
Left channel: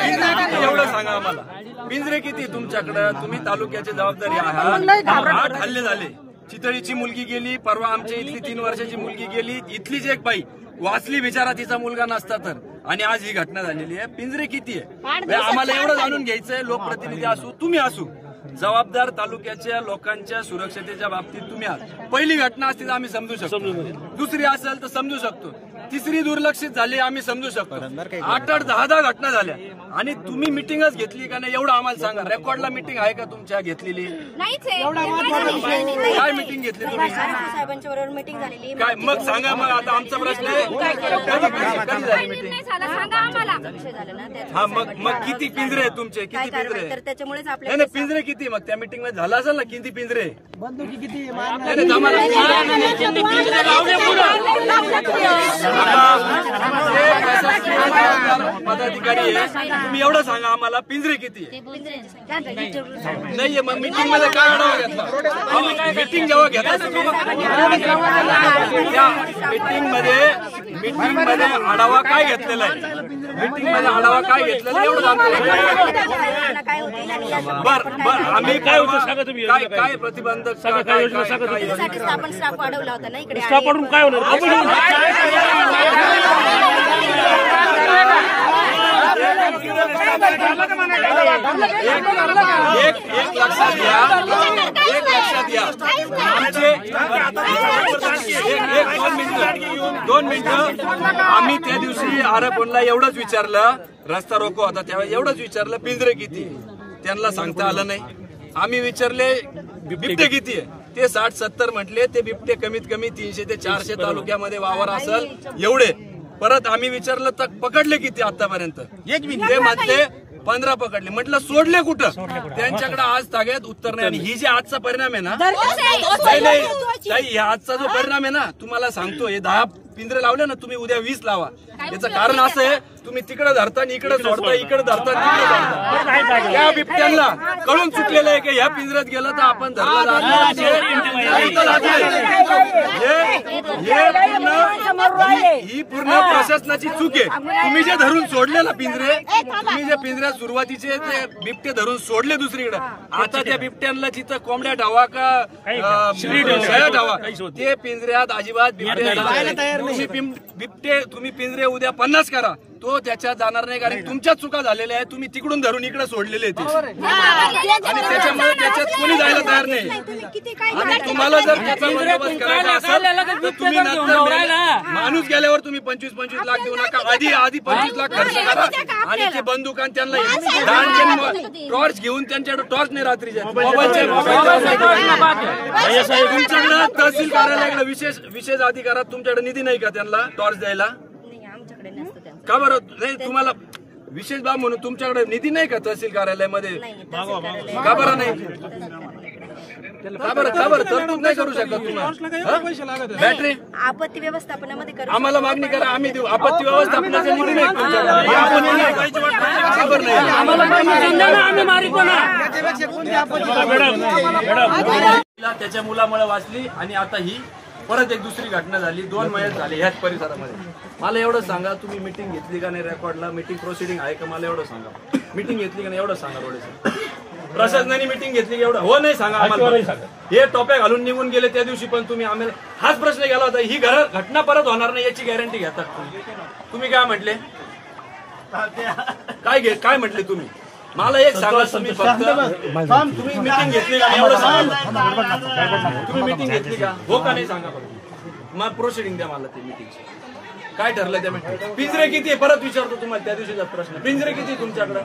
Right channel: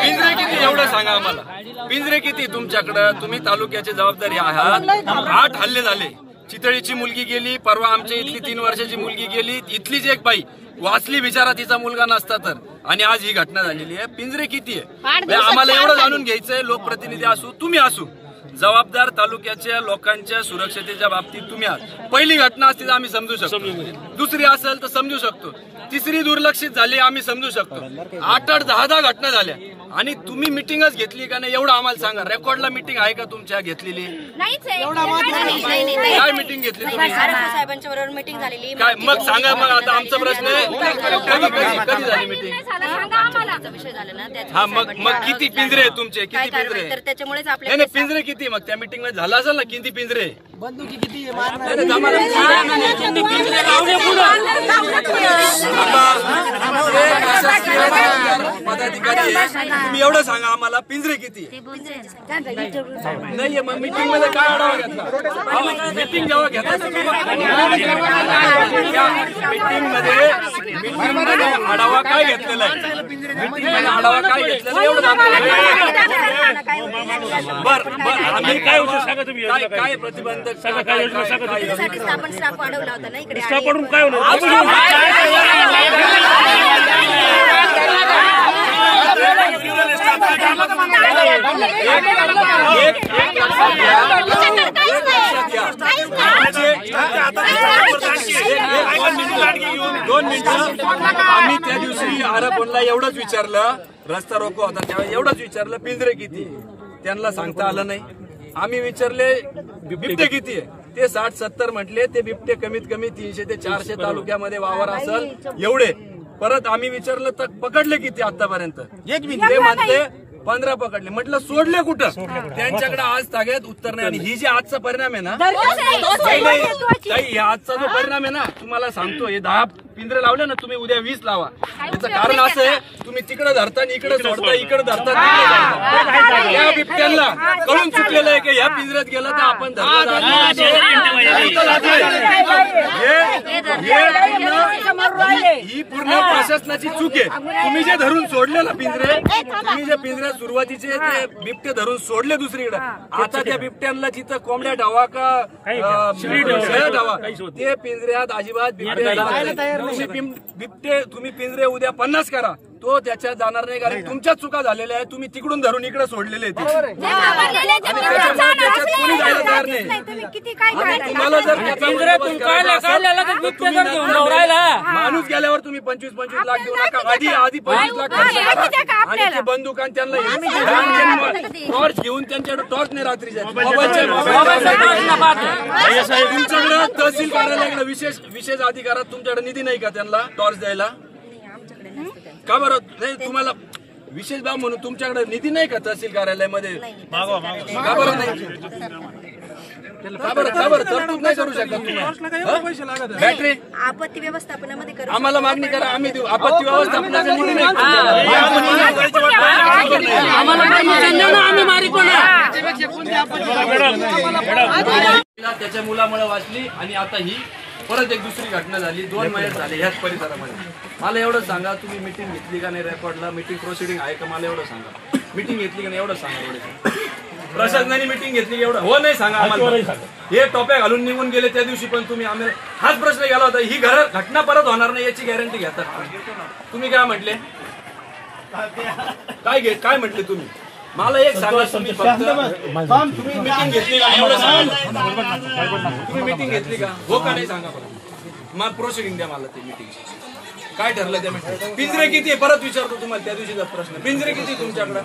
पिंजरे किती एवढं सांगा आम्हाला. पिंजरे किती तुमच्याकडे. तुम्ही तालुक्याची जबाबदारी आहात. 8 हल्ले झाले. चितळीची मुलगी गेली, परवा आमच्या इथली 3 वर्षाची मुलगी गेली, इथलीच एक बाई वाचली बिचारा, तिचा मुलगा नसता तर. आणि आज ही घटना झालेली आहे. पिंजरे किती आहे आम्हाला एवढं जाणून घ्यायचंय. लोकप्रतिनिधी असू, तुम्ही असू, जबाबदार तालुक्याच्या लोकांच्या सुरक्षतेच्या बाबतीत तुम्ही आहात. पहिली घटना असती तर आम्ही समजू शकतो, दुसरी असेल तर समजू शकतो, तिसरी दुर्लक्षित झाली आम्ही समजू शकतो. 8-8, 10-10 घटना झाल्या आणि तुम्ही मिटिंगच घेतली का नाही एवढं आम्हाला सांगा. रेकॉर्डला मिटिंग आहे का तुमच्या घेतलेली. काय मिटिंग घेतली तुम्ही. साहेबांच्या बरोबर मिटिंग झालेली काय मग सांगा. मग आता आमचा प्रश्न आहे कधी झाली मिटिंग. हा मग किती पिंजरे आहे तुमचे. किती पिंजरे तर त्याच्यामुळेच आपल्या नाही पिंजरे किती. मग त्या मिटिंग मध्ये झाला असेल ना किती पिंजरे. आता जे प्रशासकीय जबाबदार पदाधिकारी आहे तुम्ही एवढं सांगा आम्हाला पिंजरे किती नाहीये. मग मिटिंग मध्ये काय आढावा घेतला. मिटिंग जेव्हा घेतला त्या मिटिंग मध्ये आढावा काय घेतलेला आहे. मिटिंग मध्ये आढावा काय घेतलेला एवढं सांगतो. बर आम्ही काय प्रतिबंधक आपण स्टाफ वाढवला होता ना इकडे. एक लक्षात घ्या आमचे 2 मिनिटं आम्ही त्या दिवशी आरोपणला एवढंच विचारलं. रस्ता रोको होता त्यावेळेस एवढंच विचारलं पिंजरे किती. त्यांना सांगता आलं नाही. आम्ही विचारले बिबटे किती आहे. ते 60-70 म्हटले. ते बिबटे कमीत कमी 300 ते 400 तालुक्यामध्ये वावर असेल एवढे. परत आम्ही विचारलं तर पकडले किती आतापर्यंत. ते म्हणते 15 पकडले. म्हटलं सोडले कुठं. त्यांच्याकडे आज ताग्यात उत्तर नाही. आणि ही जी आजचा परिणाम आहे ना ताई, आजचा जो परिणाम आहे ना तुम्हाला सांगतो. हे 10 पिंजरे लावले ना तुम्ही, उद्या 20 लावा. याचं कारण असं आहे तुम्ही तिकडे धरता इकडे सोडता, इकडे धरता तिकडे सोडता. त्या बिबट्यांना कळून चुकलेलं आहे की ह्या पिंजऱ्यात गेलं तर आपण धरलं जात. ही पूर्ण प्रशासनाची चूक आहे. तुम्ही जे धरून सोडले ना पिंजरे, तुम्ही जे पिंजऱ्यात सुरुवातीचे ते बिबटे धरून सोडले दुसरीकडे. आता त्या बिबट्यांना जिथं कोंबड्या ढावा का शेळ्या ढावा ते पिंजऱ्यात अजिबात बिबटे जात नाही. तुम्ही पिंजरे उद्या 50 करा, तो त्याच्यात जाणार नाही. कारण तुमच्याच चुका झालेल्या आहेत. तुम्ही तिकडून धरून इकडे सोडलेले ते आणि त्याच्यामुळे त्याच्यात कोणी जायला तयार नाही. आणि तुम्हाला जर त्याचा बंदोबस्त करायचा असेल तर तुम्ही नंतर माणूस गेल्यावर तुम्ही 25-25 लाख देऊ नका. आधी 25 लाख खर्च करा आणि ते बंदुकान त्यांना टॉर्च घेऊन त्यांच्याकडे टॉर्च नाही रात्रीच्या मोबाईलच्या तुमच्याकडे तहसील कार्यालयाकडे विशेष अधिकारात तुमच्याकडे निधी नाही का त्यांना टॉर्च द्यायला. का बरं नाही. तुम्हाला विशेष बाब म्हणून तुमच्याकडे निधी नाही का तहसील कार्यालयामध्ये. का बरं नाही. का बरं तरतूद नाही करू शकत तुम्हाला. बॅटरी आपत्ती व्यवस्थापनामध्ये आम्हाला मागणी करा आम्ही देऊ. आपत्ती व्यवस्थापनाचा निधी नाही. त्याच्या मुलामुळे वाचली आणि आता ही परत एक दुसरी घटना झाली. 2 महिने झाले ह्याच परिसरामध्ये. मला एवढं सांगा तुम्ही मिटिंग घेतली का नाही. रेकॉर्डला मिटिंग प्रोसिडिंग आहे का मला एवढं सांगा. मिटिंग घेतली का नाही एवढं सांगा. थोडं प्रशासनाने मिटिंग घेतली एवढं हो नाही सांगा आम्हाला. हे टोप्या घालून निघून गेले त्या दिवशी पण तुम्ही आम्ही हाच प्रश्न केला होता. ही घटना परत होणार नाही याची गॅरंटी घेतात तुम्ही. काय म्हटले काय म्हटले तुम्ही. मला एक सांगा, तुम्ही फक्त तुम्ही मीटिंग घेतली का एवढं सांगा. तुम्ही मीटिंग घेतली का हो का नाही सांगा बरं. मग प्रोसिडिंग द्या मला ती मीटिंग काय ठरलं त्या मीटिंग. पिंजरे किती आहे परत विचारतो तुम्हाला त्या दिवशीचा प्रश्न. पिंजरे किती तुमच्याकडे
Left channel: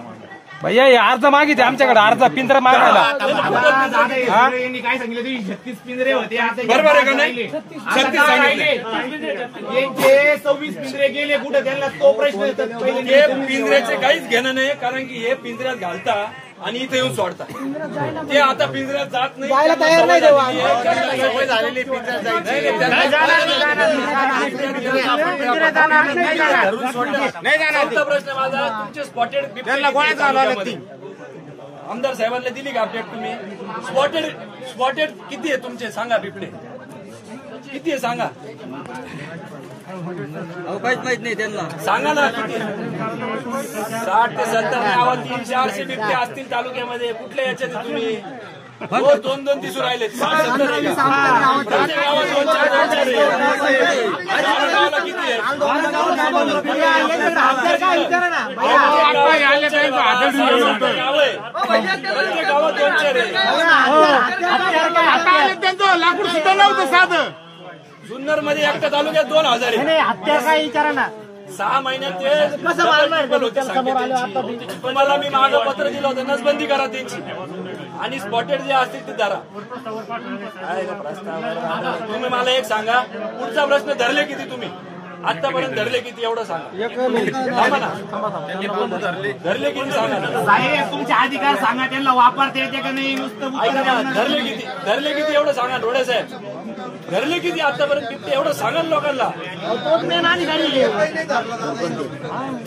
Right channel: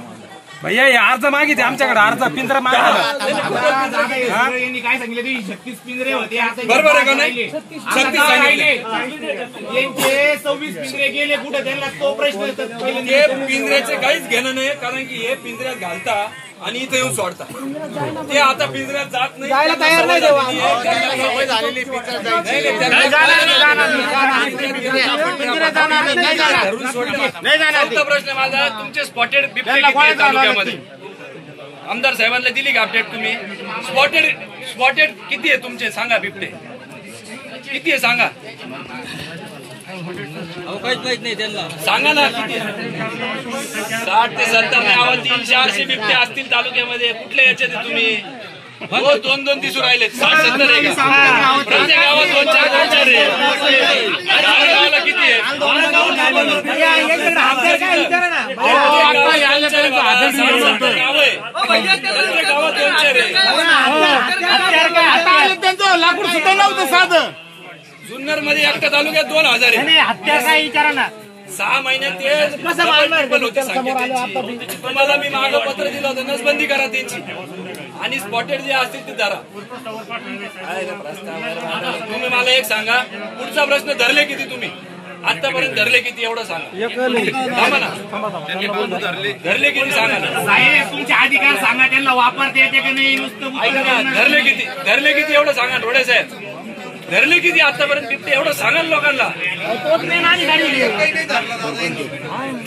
भैया हे अर्ज मागितले आमच्याकडे, अर्ज पिंजरा मागला. काय सांगितलं 36 पिंजरे होते, बरोबर आहे का नाही. 36 सांगितले, 26 पिंजरे गेले कुठे, त्यांना तो प्रश्न ते पिंजऱ्याचे काहीच घेणं नाही. कारण की हे पिंजऱ्यात घालता आणि इथे येऊन सोडता. ते आता पिंजऱ्यात जात नाही, जायला तयार नाही. प्रश्न माझा, तुमचे स्पॉटेड बिबटे तालुक्यामध्ये आमदार साहेबांना दिली का अपडेट तुम्ही. स्पॉटेड किती आहे तुमचे सांगा. बिबटे किती आहे सांगा. काहीच माहित नाही त्यांना, सांगा ना किती. 60 ते 70 गावात 300-400 बिबटे असतील तालुक्यामध्ये. कुठल्या याच्यात तुम्ही हो 2-2 दिसू राहिले. 60-70 आहे का प्रत्येक गावात 2-4 आहे. गावाला किती आहे. प्रत्येक गावात 2-4 आहे. जुन्नर मध्ये एकट्या तालुक्यात 2000 आहे. हत्या काय विचारा ना. 6 महिन्यात ते होते संख्या त्यांची. तुम्हाला मी मागं पत्र दिलं होतं, नसबंदी करा त्यांची आणि स्पॉटेड जे असतील ते धरा. तुम्ही मला एक सांगा, पुढचा प्रश्न धरले किती तुम्ही आतापर्यंत धरले किती एवढं सांगा. धरले किती सांगा. साहेब तुमचे अधिकार सांगा, त्यांना वापरता येते का नाही. नुसतं धरले किती एवढं सांगा. डोळे साहेब धरले किती आतापर्यंत बिबटे एवढं सांगा लोकांना.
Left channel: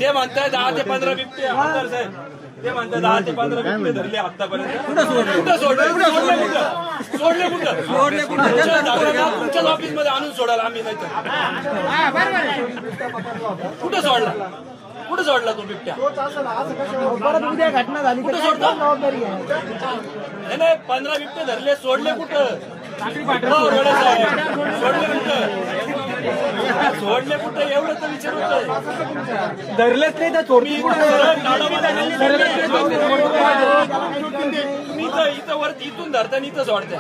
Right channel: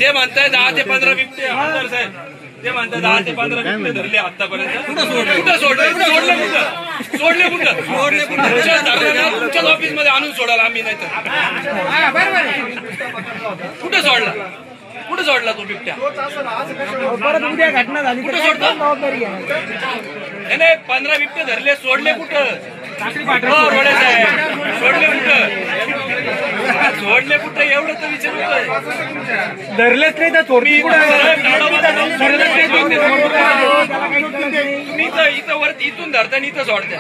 ते म्हणताय 10 ते 15 बिबटे. आमदार साहेब ते म्हणतात 10 ते 15 बिबटे धरले आतापर्यंत. कुठं सोडले तुमच्याच ऑफिस मध्ये आणून सोडायला आम्ही नाही तर. कुठं सोडला तो बिबट्या. घटना झाली कुठं सोडतो. नाही 15 बिबटे धरले, सोडले कुठं. रोडे साहेब सोडले कुठं एवढं तर विचारतोय. धरलेच नाही तर तुम्ही इथं वरती इथून धरता आणि इथं सोडता.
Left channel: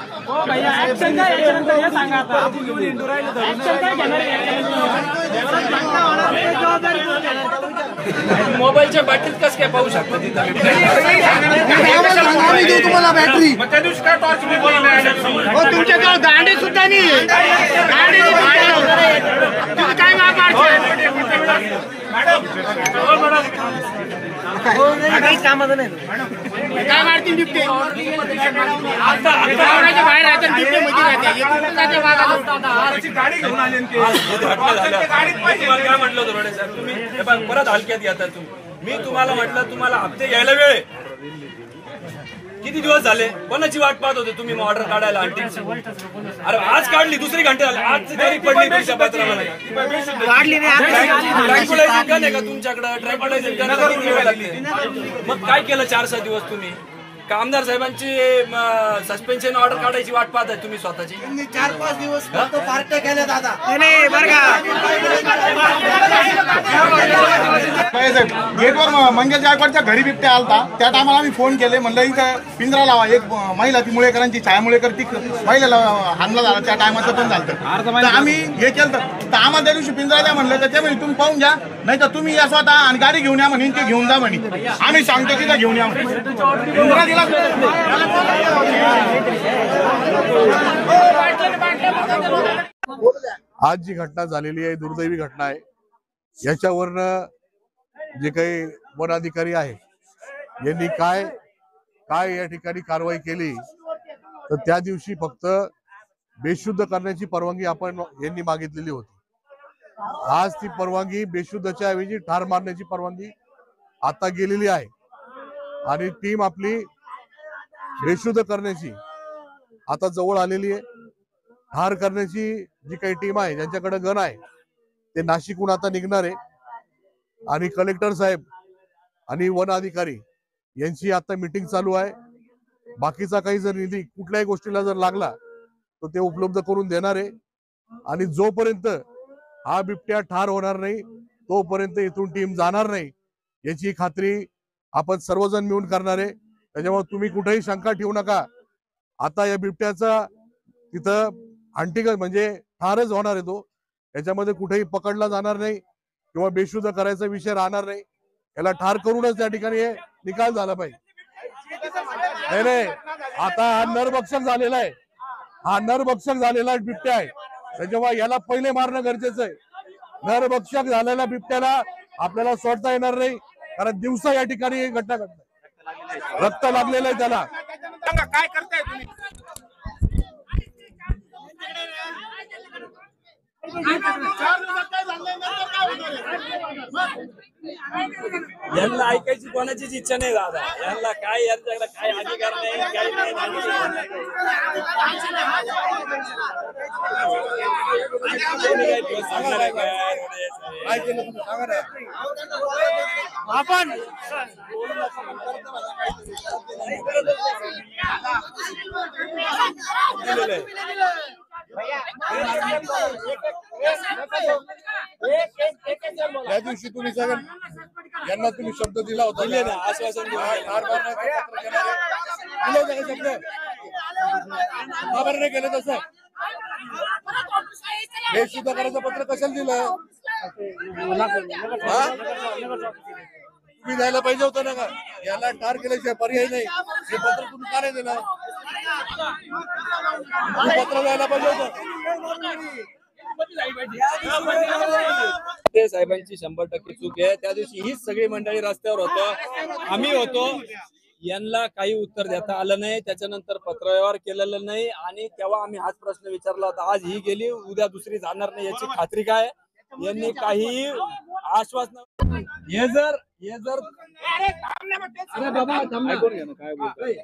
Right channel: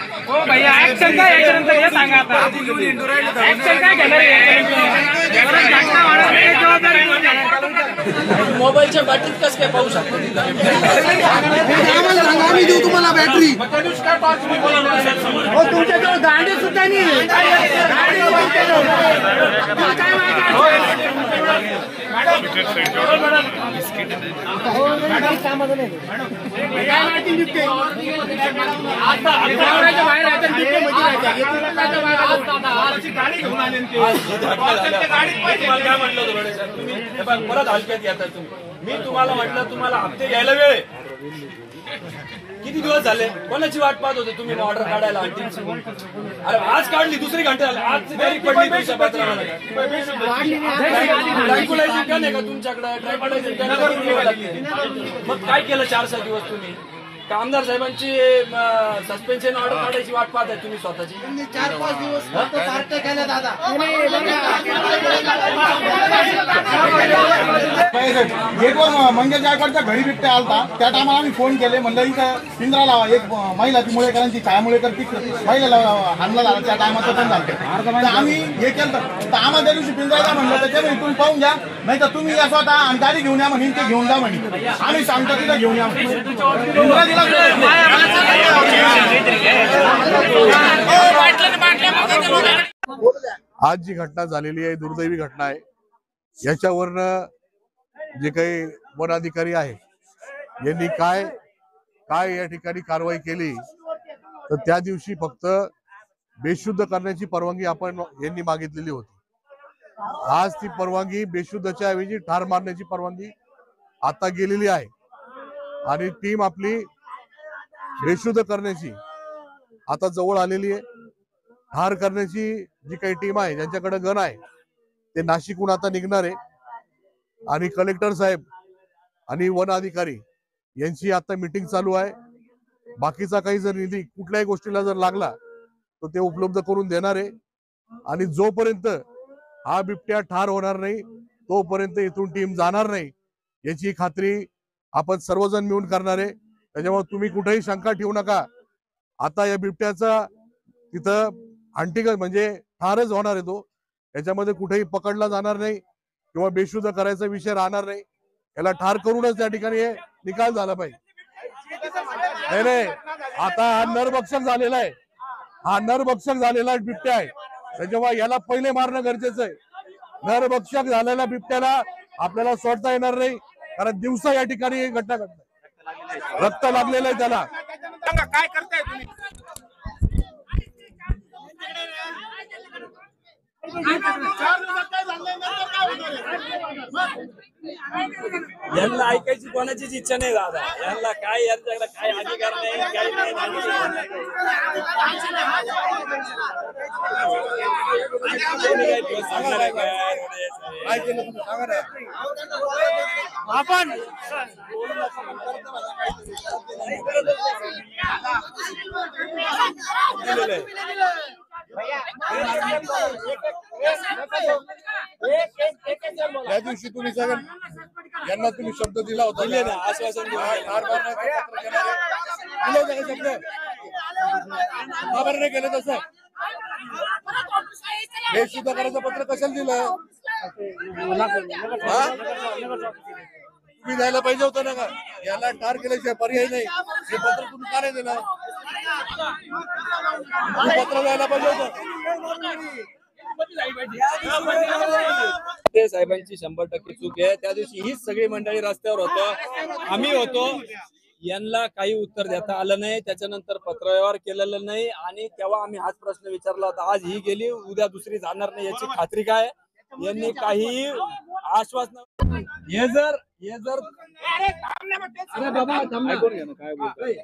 मोबाईलच्या बॅटरीत कसं काय पाहू शकतो तिथं. तुम्हाला बॅटरी त्या दिवशी काय टॉर्च तुमच्याकडे गाडी सुद्धा नाही. कामाचं नाही. काय मारतील बिबटे. गाडी घेऊन आले काय म्हटलं होतं तुम्ही परत हलक्यात येतात तुम्ही. मी तुम्हाला म्हटलं तुम्हाला हप्ते घ्यायला वेळ किती दिवस झाले. कोणाची वाट पाहत होते तुम्ही ऑर्डर काढायला. अरे आज काढली, दुसरी घंटे झाली, आज तारीख पडली तुमच्या पत्राला. ट्रायपोलायझर गन आहे का तुमच्याकडे. ट्रायपोलायझर गन मग काय केलं 4-6 दिवस तुम्ही. आमदार साहेबांची सस्पेन्शन ऑर्डर काढायची वाट पाहताय तुम्ही स्वतःची. 4-5 दिवस पार्ट्या केल्या दादा. गेटवर मंगेश गायकवाडच्या घरी बिबट्या आलता. त्या टायमाला आम्ही फोन केले, म्हणलं इथं पिंजरा लावा. एक महिला ती मुळेकरांची छाया मुळेकर ती महिलेला हमला झाला. त्या टायमाचं पण झालं. तर आम्ही हे केलं तर आम्हाला त्या दिवशी पिंजरा द्या म्हणलं. तर ते म्हणे तुम्ही पाहून घ्या, नाही तर तुम्ही या स्वतः आणि गाडी घेऊन या म्हणे. ते घेऊन जा म्हणे. आम्ही सांगतो तिथं घेऊन या म्हणे. पिंजरा दिला. आज जी घटना झालेली आहे दुर्दैवी घटना आहे. याच्यावरनं जे काही वन अधिकारी आहे यांनी काय या ठिकाणी कारवाई केली तर त्या दिवशी फक्त बेशुद्ध करण्याची परवानगी यांनी मागितलेली होती. आज ती परवानगी बेशुद्धच्या ऐवजी ठार मारण्याची परवानगी आता गेलेली आहे आणि टीम आपली बेशुद्ध करण्याची आता जवळ आलेली आहे. ठार करण्याची जी काही टीम आहे ज्यांच्याकडे गन आहे ते नाशिकहून आता निघणार आहे आणि कलेक्टर साहेब आणि वन अधिकारी यांची आता मीटिंग चालू आहे. बाकीचा काही जर निधी कुठल्याही गोष्टीला जर लागला तर ते उपलब्ध करून देणार आहे आणि जोपर्यंत हा बिबट्या ठार होणार नाही तोपर्यंत इथून टीम जाणार नाही याची खात्री आपण सर्वजण मिळून करणार आहे, त्याच्यामुळे तुम्ही कुठेही शंका ठेवू नका. आता या बिबट्याचा तिथं अंतिम म्हणजे ठारच होणार आहे. तो याच्यामध्ये कुठेही पकडला जाणार नाही किंवा बेशुद्ध करायचा विषय राहणार नाही. याला ठार करूनच त्या ठिकाणी निकाल झाला पाहिजे. नाही आता हा नरभक्षक झालेला आहे, हा नरभक्षक झालेला बिबट्या आहे, त्याच्यामुळे याला पहिले मारणं गरजेचं आहे. नरभक्षक झालेल्या बिबट्याला आपल्याला सोडता येणार नाही, कारण दिवसा या ठिकाणी ही घटना घडते. रक्त लागलेलं आहे त्याला. काय करताय तुम्ही? यांना ऐकायची कोणाचीच इच्छा नाही दादा. यांना काय यांच्याकडे काय अधिकार नाही, काही नाही. आपण त्या दिवशी तुम्ही सगळं यांना तुम्ही शब्द दिला होता, आश्वासन शब्द खबर नाही केलं तसं. हे सुद्धा करायचं पत्र कशाला दिलं? तुम्ही द्यायला पाहिजे होतं ना का? याला ठार केल्याशिवाय पर्याय नाही. हे पत्र तुम्ही का नाही दिलं? पत्र द्यायला पाहिजे होतं. ते साहेबांची 100% चूक आहे. त्या दिवशी हीच सगळी मंडळी रस्त्यावर होतो, आम्ही होतो. यांना काही उत्तर देता आलं नाही, त्याच्यानंतर पत्रव्यवहार केलेलं नाही आणि तेव्हा आम्ही हाच प्रश्न विचारला होता. आज ही गेली, उद्या दुसरी जाणार नाही याची खात्री काय? यांनी काही आश्वासन हे जर अरे बाबा काय बोलतोय,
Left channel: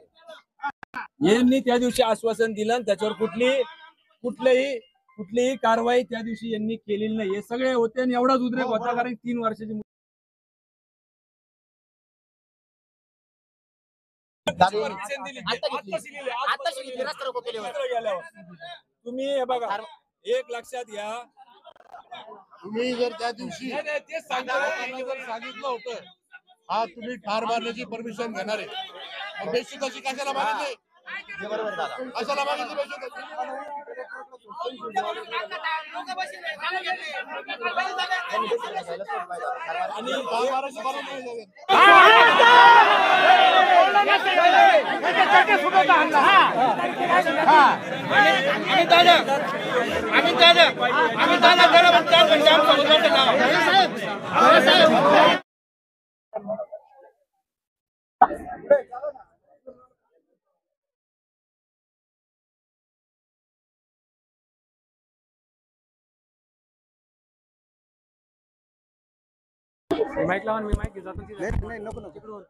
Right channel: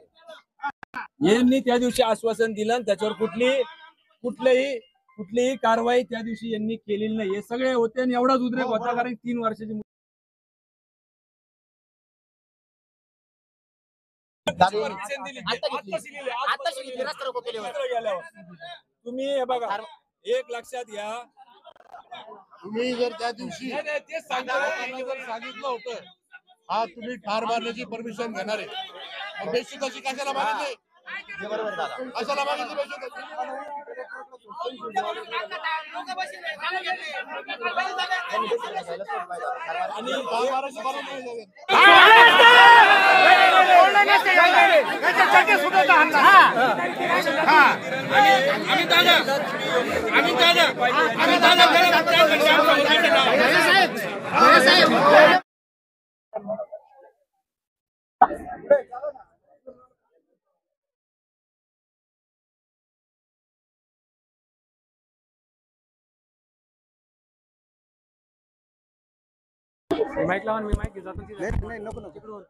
यांनी त्या दिवशी आश्वासन दिलं आणि त्याच्यावर कुठलीही कारवाई त्या दिवशी यांनी केलेली नाही. हे सगळे होते आणि एवढाच उद्रेक होता, कारण 3 वर्षाची तुम्ही हे बघा, एक लक्षात घ्या, तुम्ही जर त्या दिवशी ते सांगितलं होतं हा तुम्ही ठार मारण्याची परमिशन घेणार आहे, बेशुद्धाची कशाला मागितली? कशाला मागितली बेशुद्धाची? माईक लावा, मी माईक जातो. नाही नको नको.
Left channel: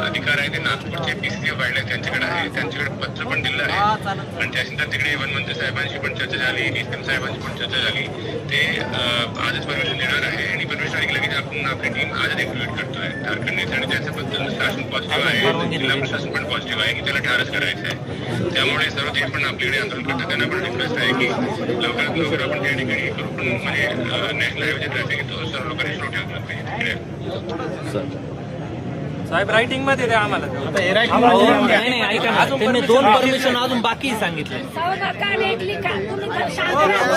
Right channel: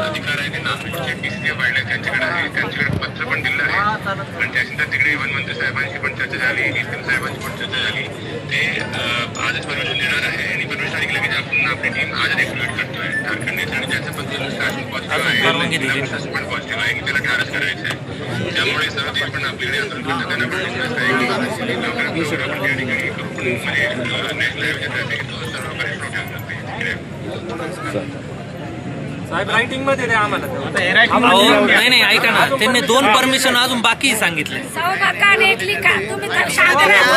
अधिकार आहे ते नागपूरच्या PCA वाढल्या त्यांच्याकडे आहे, त्यांच्याकडे पत्र पण दिलं आहे. पण त्याच्यानंतर तिकडे इव्हन मंत्री साहेबांशी पण चर्चा झाली, नितीन साहेबांशी पण चर्चा झाली. ते आजच परमिशन देणार आहे आणि परमिशन आली लगेच आपण आपली टीम आज एक्टिवेट करतोय. झारखंड त्याच्याबद्दल शासन पॉझिटिव्ह आहे, शासन पण पॉझिटिव्ह आहे की त्याला ठारच करायचं आहे. त्यामुळे सर्व देश पण आपल्याकडे आंदोलन करतात. त्यांना पण विश्वास आहे की लवकरात लवकर आपण त्या ठिकाणी म्हणजे नॅशनल हायवे सर्व काही प्रोटेक्ट साहेब रायटिंग मध्ये द्या आम्हाला. नाही ऐका ना, त्यांनी 2 परमिशन अजून बाकी सांगितले.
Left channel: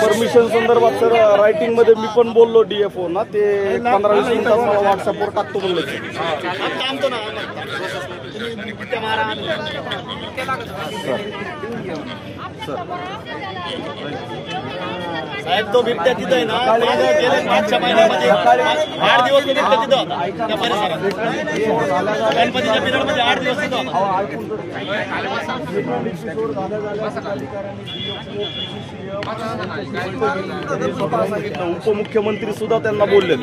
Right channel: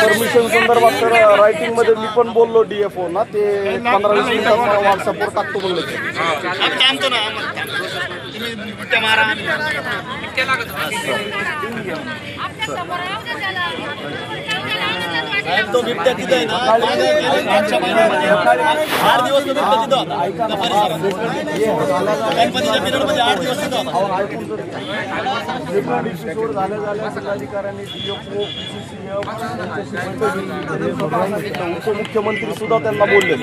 परमिशन संदर्भात तर रायटिंग मध्ये मी पण बोललो DFO ना, ते 15-20 मिनिटात व्हॉट्सअपवर टाकतो म्हणलं. साहेब तो बिबट्या तिथे आहे ना, मागच्या महिन्यामध्ये 8 दिवस तो बिबट्या तिथं होता त्या परिसरात. गणपतीच्या पिरियडमध्ये 8 दिवस तिथं होता. उपमुख्यमंत्री सुद्धा त्यांना बोलले.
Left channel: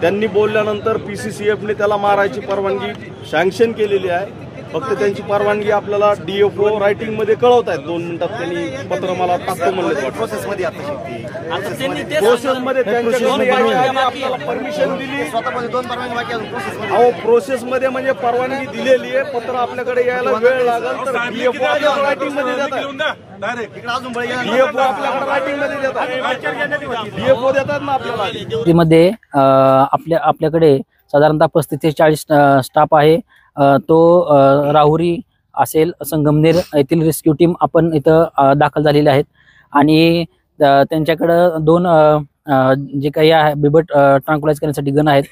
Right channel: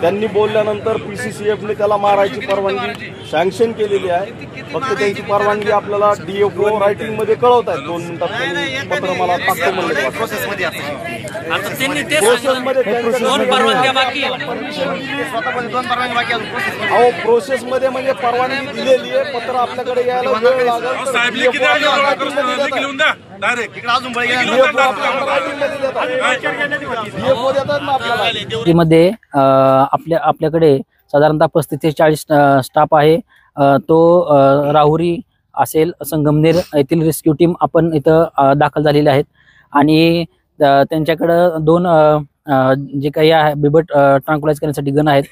त्यांनी बोलल्यानंतर PCCF ने त्याला मारायची परवानगी सँक्शन केलेली आहे. फक्त त्यांची परवानगी आपल्याला DFO रायटिंग मध्ये कळवतायत. 2 मिनिटात त्यांनी पत्र मला टाकतो म्हणले. प्रोसेसमध्ये अहो प्रोसेसमध्ये म्हणजे परवानगी दिलेली आहे, पत्र आपल्याकडे यायला वेळ लागेल. मध्ये आपल्याकडे साधारणतः 35 ते 40 स्टाफ आहे. तो राहुरी असेल, संगमनेर येथील रेस्क्यू टीम आपण इथं दाखल झालेले आहेत आणि त्यांच्याकडं 2 जे काही आहे बिबट ट्रान्क्युलाइज करण्यासाठी गन आहेत,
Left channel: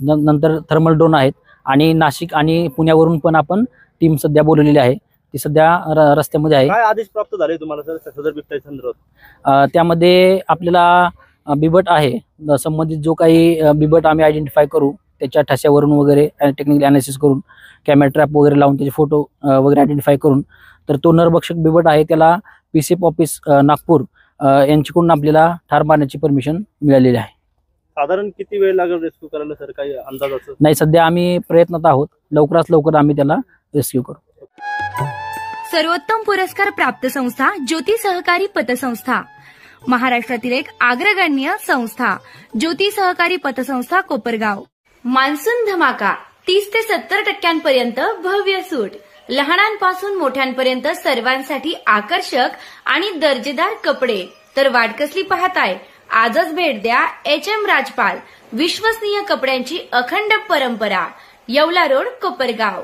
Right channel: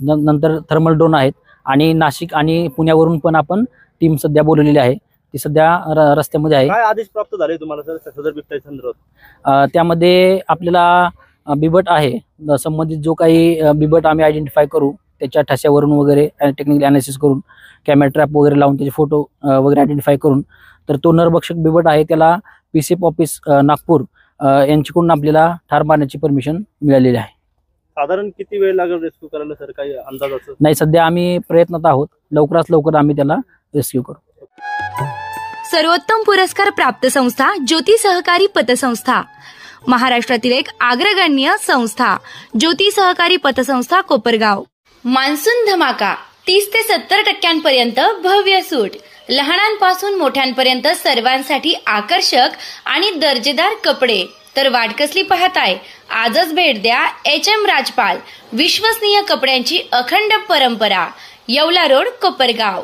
नंतर थर्मल ड्रोन आहेत आणि नाशिक आणि पुण्यावरून पण आपण टीम सध्या बोलवलेली आहे. ती सध्या रस्त्यामध्ये आहे. काय आदेश प्राप्त झाले तुम्हाला सर सदर बिबट्या संदर्भात? त्यामध्ये आपल्याला बिबट आहे संबंधित जो काही बिबट आम्ही आयडेंटिफाय करू, त्याच्या ठस्यावरून वगैरे टेक्निकल अनालिसिस करून कॅमेरा ट्रॅप वगैरे लावून त्याचे फोटो वगैरे आयडेंटिफाय करून, तर तो नरभक्षक बिबट आहे त्याला PCF ऑफिस नागपूर यांच्याकडून आपल्याला ठार मारण्याची परमिशन मिळालेली आहे. साधारण किती वेळ लागेल रेस्क्यू करायला सर, काही अंदाज? नाही, सध्या आम्ही प्रयत्नात आहोत. लवकरात लवकर आम्ही त्याला रेस्क्यू करू. सर्वोत्तम पुरस्कार प्राप्त संस्था ज्योती सहकारी पतसंस्था, महाराष्ट्रातील एक अग्रगण्य संस्था ज्योती सहकारी पतसंस्था कोपरगाव. मान्सून धमाका 30 ते 70% भव्य सूट, लहानांपासून मोठ्यांपर्यंत सर्वांसाठी आकर्षक आणि दर्जेदार कपडे. तर वाट कसली पाहताय, आजच भेट द्या HM राजपाल, विश्वसनीय कपड्यांची अखंड परंपरा, येवला रोड, कोपरगाव.